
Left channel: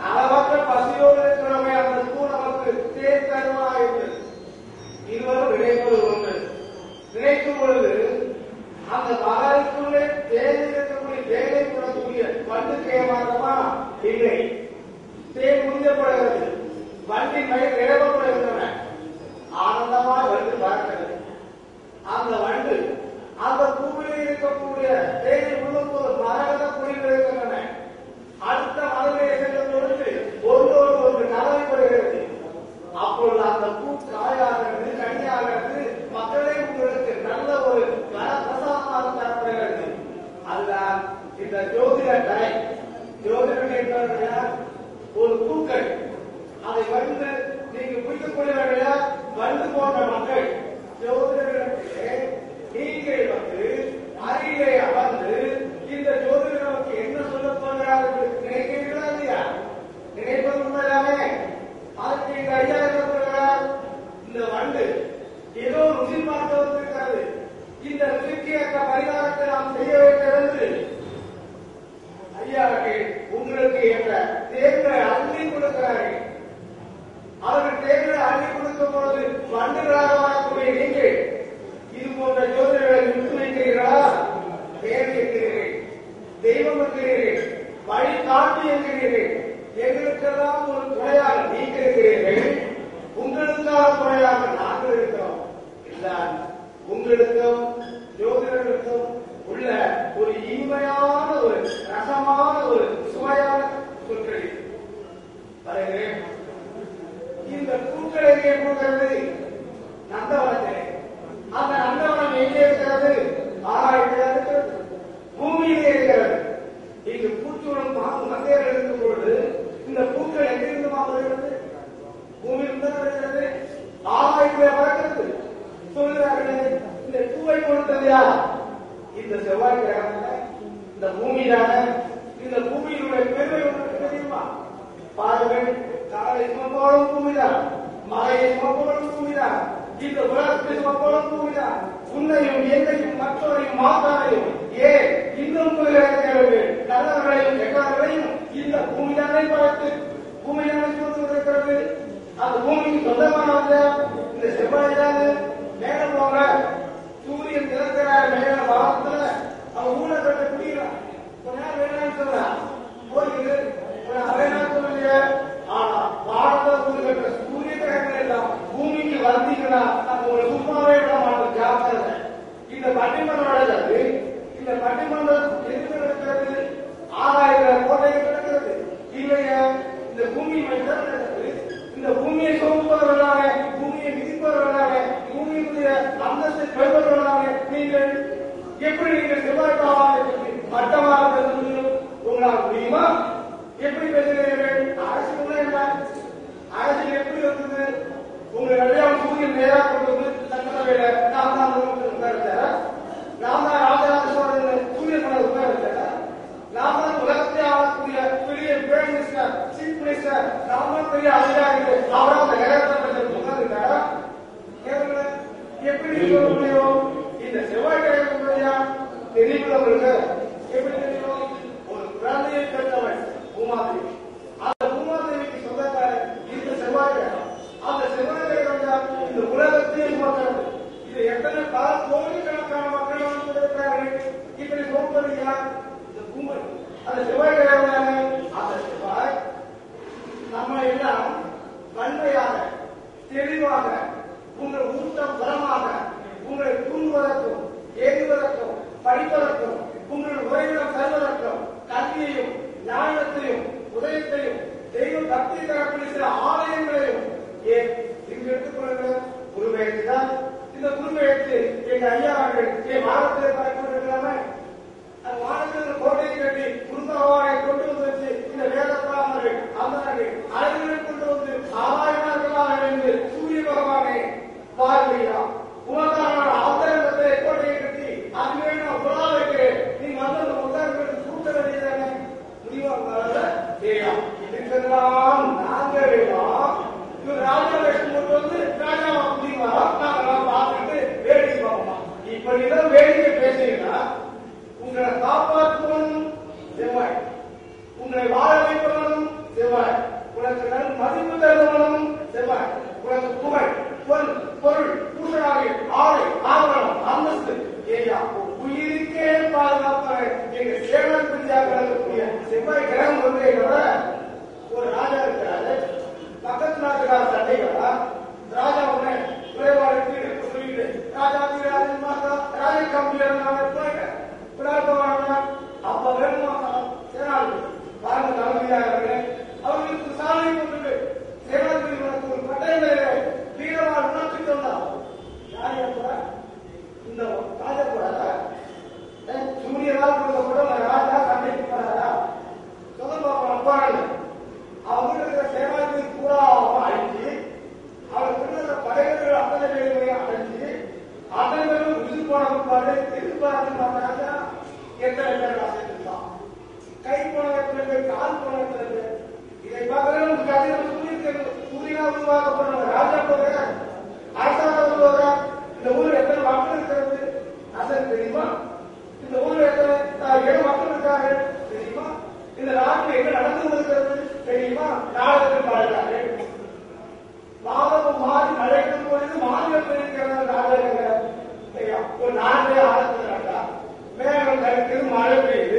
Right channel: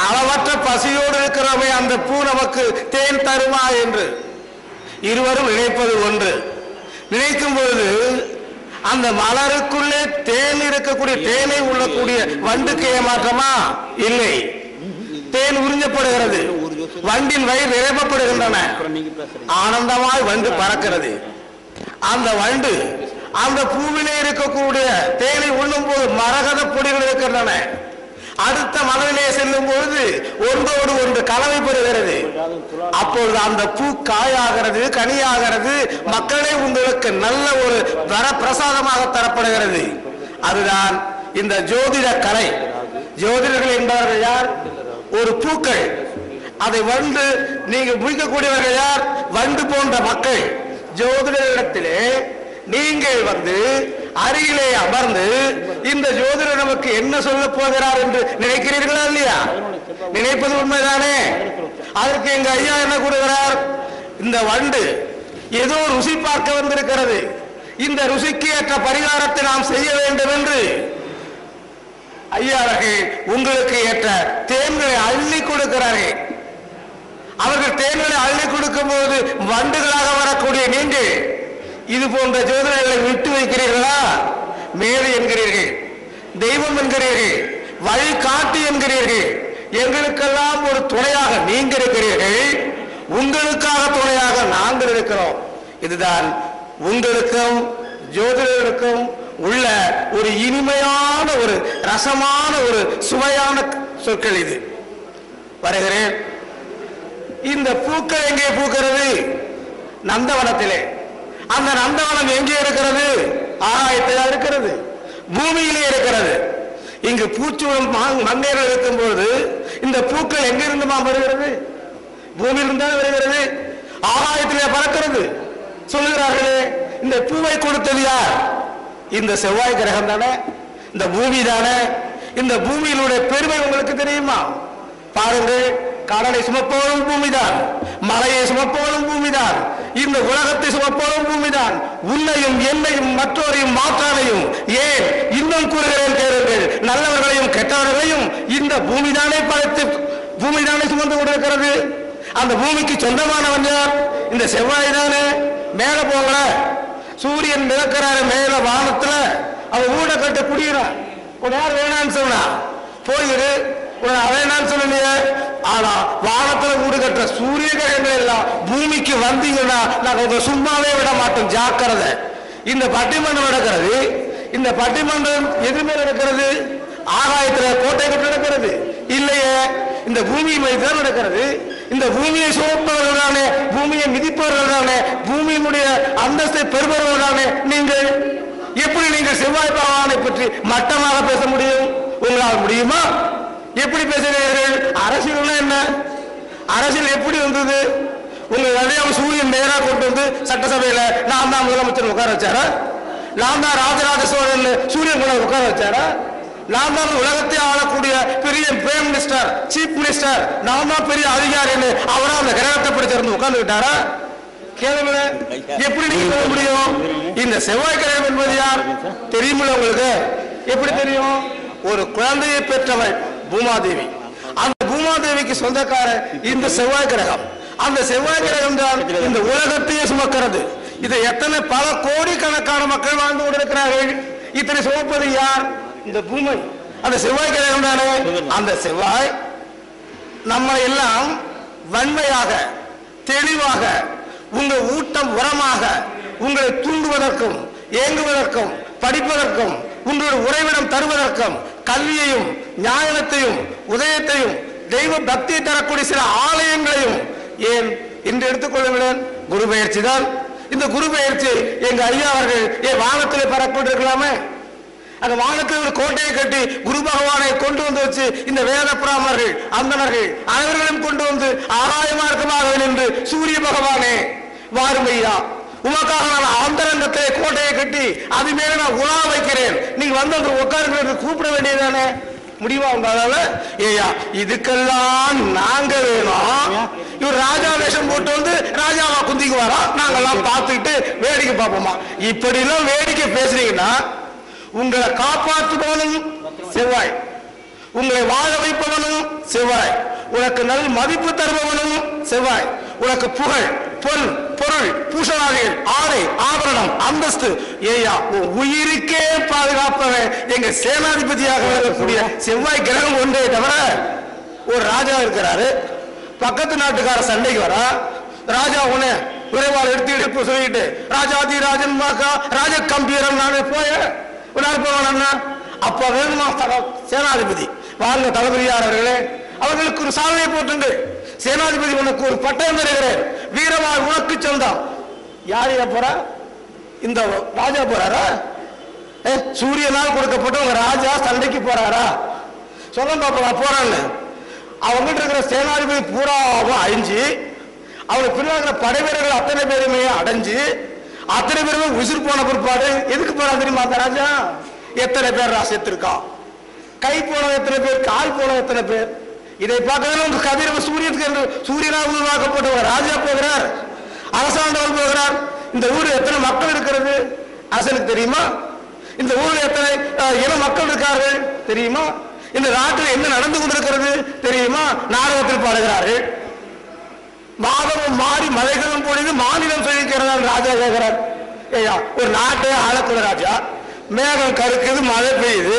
அளவற்ற பசியோடு இருக்கிறவை அந்த பூ நமக்கு தேன் தருமா என்று. இருவரும் நினைப்பது ஒன்று. நினைக்கும் பொழுது அந்த மலருக்குள்ளே தேன் இருக்கக்கூடிய தேனை உள்ளக்கூடிய வண்டுக்கு ஏமாற்றமா? இல்லை. தேன் உறிஞ்சப்படுகிறது, வண்டின் வயிறு நிரப்பப்படுகின்றன, ஆனந்தமாய் வண்டு பறக்கிறது. அந்த வண்டு அந்த பூவிலே இருக்கக்கூடிய தேனை உண்ணும் போது மரகத பொடிகள் இருக்கின்றன. அடுத்த மலரிலே செல்லும் பொழுது ஒன்றோடு ஒன்று கலவை பெறுகிறது. அப்பொழுது அந்த பூ காயாகிறது, கனியாகிறது, மக்களே உங்களுக்கு நல்ல ஒரு வரப்பிரசாதமாக தரப்படுகிறது. அதுதான் இந்த ஜோதிட கலை. ஜோதிடர்கள் என்பவர்கள் யார்? ஒரு பூக்கள். அதை வண்டு நீங்க முடிக்கக்கூடியவர்கள் யார்? வண்டு போன்ற மக்கள். ஜோதிடத்திலே நீங்கள் வந்து அருகிலே அமர்ந்து இந்த ஜோதிடர் நமக்கு என்ன சொல்ல போகிறார் என்று நினைக்கிறீர்களா இல்லையா? நினைப்பது உண்மைதானே? அதற்கு எங்க ஐயா என்ன கூறுகிறார்? இந்த வண்டு ஏதோ ருசி பார்க்க வந்திருக்கிறது, இந்த ருசிக்கு ஏற்ற பரிகாரத்தை நாம் செய்ய வேண்டும் என்று ஐயா உங்களுக்கு ஏற்ற தேன்களை அள்ளி கொடுக்கிறார்கள். அவர்கள் தேன்களை அள்ளி கொடுக்கும் போது வண்டுகளாக வரக்கூடிய நீங்கள் இது போன்ற ஜோதிடர்களை விட்டு வைக்கிறீர்களா? மேலே என்கிறீர்கள், தெய்வம் என்கிறீர்கள், வழிகாட்டி என்கிறீர்கள். எங்களுக்கெல்லாம் ஒரு துணையாக நீங்கள் இருக்கிறீர்கள், உங்களுக்காக துணையாக நாங்கள் இருக்கிறோம். இதுதான் உங்களுக்கும் ஜோதிடர்களுக்கும் உள்ள ஒரு இனிமையான ஒரு ரசமான ஒரு சுவையான சொற்கள். இது வருகிறேன். இந்த பூக்கள் எங்கே பூக்கிறது? நந்தவனத்திலே. அந்த நந்தவனம் எங்கே இருக்கிறது? ஆகாயத்தில் இருக்கிறது, பூமியிலே இருக்கிறது. இங்கு பூச்சுவல் மண்ணீரல் இருக்கும் பொழுது இந்த பூக்கள் எங்கிருந்து வருகிறது? பூமியிலிருந்து வருகிறது, ஆகாயத்திலே பறக்கிறது. சொல்கிறார்களே, இந்த பூவை கொடுத்தது யார்? இந்த செவ்வாய் கிரகம் தானே, இந்த பூமி தானே. இந்த பூமியினுடைய பெருமை உங்களுக்கு தெரியுமா? பாருங்கள், கடலை சுமப்பவரும் பூமிதான், மலையை சுமப்பவரும் பூமிதான், இந்த உலகத்தை சுமப்பவரும் பூமிதான். உன்னையும் என்னையும் மற்றோரையும் மாற்றாரையும் ஏன் இன்னும் கூறுகிறேன் கேளுங்கள், நல்லவர்களையும் கெட்டவர்களையும் இந்த பூமிதானே படைத்து பூமிதானே சுமந்து கொண்டிருக்கிறது. அந்த பூமிக்கு சொந்தமானவன் யார்? இந்த செவ்வாய் தானே. மேல போகல, சூரியன் மிதக்கிறார் மேல வானத்துல, அவன் ஊட கட்ட குடிக்கிறான். யார் வேணான்னு சொன்னா போயிரு, வேணான்னு சொன்னீங்க. ஆனா வானத்துல ஊடு கட்டுற சூரிய கிரகங்கள் எல்லாம் பூமிக்கு வந்தீங்கன்னா நாங்க சும்மாவே விட மாட்டோம், ஜாக்கிரதை. இந்த பட்டிமன்றம் நடக்கிறது, இந்த பட்டிமன்றம் எதுவுமே நடக்கிறது ஆகாயத்துல கோட்டை கட்டு நடக்கிறது இல்லையே, இந்த பூமி மைதான் நடக்கிறது. இந்த பூமியை சுமப்பவர்களானே, பூமியை மிதிப்பவர்களானே, பூமியினுடைய அந்தஸ்தை பெறுபவர்களானே நீங்கள். எப்படி நீங்கள் செவ்வாய் பகவானை பற்றி மட்டமாக பேச முடியும்? உங்களால் முடியுமா? எப்படி பேசுகிறீர்கள்? அரசியல் என்ன? அரசியல் எப்படி வந்தது? உங்க அடையாளம் சூரியன் நேராக கொண்டு வந்து சட்டசபையில நான் தான் முதலமைச்சர் உட்கார வச்சாரா? நான் தான் ராஜராஜ சோழன் சூரியன் கூட உட்கார வச்சாரா? நான் தான் உலகத்தை ஆளக்கூடிய பெரிய பிரைம் மினிஸ்டர், சீஃப் மினிஸ்டர், நான் தான் பெரிய அதிகாரின்னு அவரா அந்த கிரகத்தை படிச்சிருந்து உட்கார்ந்து விட்டாரா? கேளுங்க, எப்படி நீங்க சொல்ல முடியும்? இந்த செவ்வாய் கிரகம் என்பது யார் தெரியுமில்ல உங்களுக்கு? எப்படி தெரியும்? ஒரு குழந்தையை பெற்றவள் பூமாதேவி. அந்த பூமாதேவிக்கு சொந்தக்கார இந்த செவ்வாய் கிரகம். அந்த செவ்வாய் கிரகம் தான் இந்த உலகத்தையே சுமக்கிறது. இதை எத்தனை பல கோடிக்கணக்கான மக்கள் வாழ்ந்து கொண்டிருக்கிறார்கள். இத்தனை சுமப்பது யார்? இந்த பூமி. அந்த செவ்வாய் கிரகம் தானே. அந்த செவ்வாய் நம்ம எல்லாம் வன்மையாக தெளிவாக உங்கள் ஊட்டம் உரமாக உங்களை தூண்டுவதற்கும் ஏங்குவதற்கும் படிப்பதற்கும் உங்களுடைய உறைவிடம் தருவதற்கும் கல்வியையும் ஞானத்தையும் உதயத்தையும் தெய்வ பக்தியை தரக்கூடிய சில ஆலயங்களையும் ஏன் இன்று எடுத்துக்கொள்ளுங்களேன். குரு பயிற்சி தான். இந்த குரு பயிற்சி எங்க அறியாளர்கள் ஏன் வானத்திலே பறக்கொண்டிருக்கலாமே? அந்த வானத்தில் ஒரு கோட்டையை கட்டி குரு பகவானை கொண்டு வந்து வச்சு இந்த வேத பிராமணர்கள் அந்தனர்கள் அனைவர்களும் கொண்டு வந்து ஆகாய மார்க்கமாக நின்று சூரிய பகவானே வாருமையா, உமக்காக நான் அந்தரங்கத்தை கோட்டையை கட்டி அது மேல நான் உலா வைக்கிறேன், நீங்க வந்து உட்கார்ந்து கூப்பிட வேண்டியதானே? முடிவா உங்களால? ஏயா இதுக்கெல்லாம் நாங்க வேணும். இவர் ராஜா வேஷம் போட்டு வந்து ராஜாவா குந்திக்குவாரா? நாங்கெல்லாம் பார்த்துக்கிட்டு வேடிக்கை பார்ப்போமா? இப்படி எல்லாம் வேடிக்கை பேசுறீங்கன்னா உங்களை காப்பாற்றுபவனும் செவ்வாய், உங்களை வாழ வைப்பவனும் செவ்வாய், உனக்கு நல் மதிப்பு தருபவனும் செவ்வாய், உனக்கு புகழ் பொருள் பூஷணாதிகள் ஆடை ஆபரணம் அந்தஸ்து ஏயா உன் உயிருக்கே பாதுகாப்பவன் எங்க சேனாதிபதியாக வரக்கூடிய செவ்வாய் கிரகம் ஒன்றே தவிர ஒரு ராஜா இருக்கிறாரு, பக்கத்து நாட்டுக்கார சண்டைக்கு வரா, ராஜா உடனே விரைவாக எடுத்து சொல்லிட்டு ராஜாதி ராஜன் ராஜ கம்பீரன் நானே போய போவானா? அப்ப வேணுமா சேனாதிபதி வாழ்ந்த தளபதியாளர்களே, அவர்களுக்கு ஒரு சாதனை போட்டுண்டு சேனாதிபதி உனக்கு ஒரு பட்டம் தருகிறார், வீரவார் உனக்கு சொந்தம். யார் போறா? இந்த ராஜா போறாரா? சூரியனால் கொடுக்கப்பட்ட உங்க ராஜா சண்டைக்கு போறாரா? சொல்ல பாப்பா போறான்னு. அவங்ககிட்ட இருக்கிற சேனாதிபதி பூராவும் அழிஞ்சு, அவங்க பின்னாடி படை வீரர்கள் அத்தனை பேருமே அடைஞ்சு, அத்தனை பேருமே உசுர் போன பிற்பாடு எதுக்கு போறான் தெரியுமா அந்த ராஜா? எத்தனை பேர் செத்துருக்கான், கை போன எத்தனை பேர், கால் போன எத்தனை பேர். இதை பார்க்கவே உங்க கதிரவ சூரியனாக உருவாக்கப்பட்டவர் ராஜா போகிறார், அரசாங்கம் போகிறார். இந்த ஊரில் எத்தனை மக்கள் இருக்கிறது அரசனுக்கு தெரியுமா? இந்த ஊரில் எத்தனை இன மக்கள் இருக்கார்கள் தெரியுமா? இந்த நாட்டில் என்ன நடந்து கொண்டிருக்கிறது தெரியுமா? நாடகத்தில் பாடுகிறார்கள். மாதமும் மாறி மலைகளும் பொழிந்து மாநிலம் சொல்லிக்கிறார் ராஜா கேட்கிறார். ஐயா, ஒரு நாட்டை ஆளக்குள்ள ராஜா, மேகம் கருக்குது, மழை பெய்யுது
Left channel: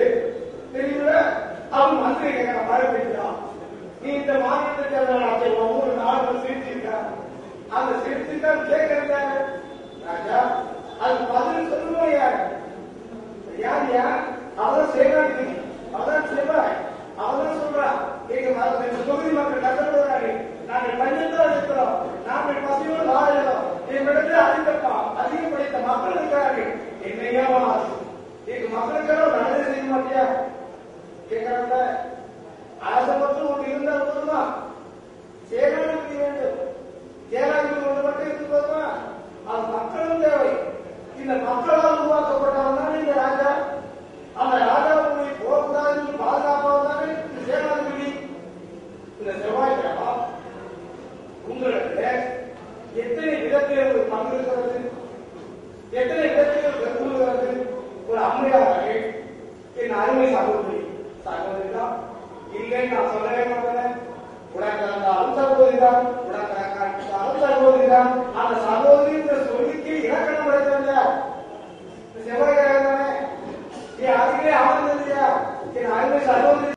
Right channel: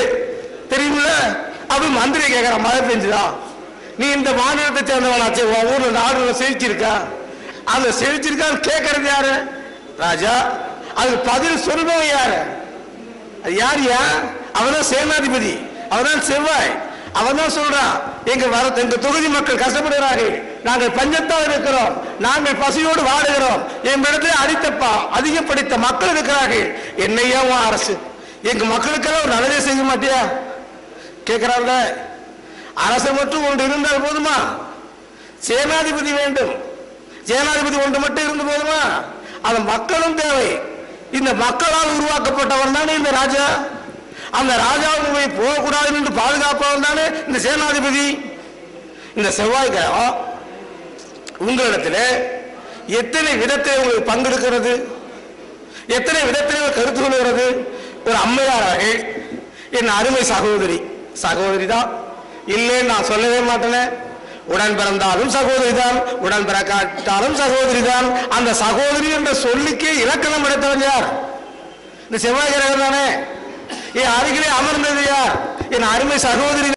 தெரியுமில்ல? அப்படி மந்திரி கேட்கிறான், மழை பெஞ்சுதா? நீ இந்த மாநிலத்தை சேர்ந்தவனாச்சு, உன் ஊர்ல நாடு செழிச்சிருக்கா? அந்த செழிச்சிருக்கான்னு கேட்கறது யாரு? ராஜா. அது பதில் சொல்லுவவன் யாரு? அது யாரியா? அவன்தான் சேனாதிபதி, அவன்தான் செவ்வாய். அவன் தான் சொல்றான், எங்க தொகுதி மக்கள் கஷ்டப்படுகிறார்கள், நாங்கள் பஞ்சத்தால் இருக்கிறோம், நாங்கள் பசியோடு வாடுகிறோம், எங்களிடத்தில் அதிகப்படுத்த மக்கள் இருக்கிறார்கள், என்னையா அரசு எங்க மக்களுக்காக நல்லதே செய்ய மாட்டியா கேட்கிறாங்க. அரசு மட்டும் ஒன்று இருந்தால் போதுமா? சேனாதிபதி வேண்டும். சேனாதிபதி ஒன்று மட்டும் இருந்து போதுமா? அந்த மக்களும் தேவை. இந்த மக்களால் உருவாக்கப்பட்டவன் தானே இந்த ராஜா. அந்த ராஜாவுக்கு போய் போகக்கூடாது என்று பாதுகாப்பாக தானே இந்த சேனாதிபதி. இந்த செவ்வாய்க்கிழமை உங்களிடத்தில் எத்தனை விதத்தில் உங்களுக்கு பங்கெடுக்கிறது, எத்தனை விதத்தில் கருத்து கொள்கிறது. ஒரு அம்மையாராக என் அருமை சகோதரி தான் இல்லைன்னு நான் சொல்லவே மாட்டேன். உடன் பிறந்தாலும் சகோதரி தான், உடன் பிறக்காட்டாலும் சகோதரி தான். அந்த சகோதரி என்ற சொல்லிக்கே இலக்கணம் எடுத்தவன் யார்? இந்த செவ்வாய்க்கிழமை தானே. என் அருகிலே அமர்ந்தது யார்? என் அருமை சகோதரி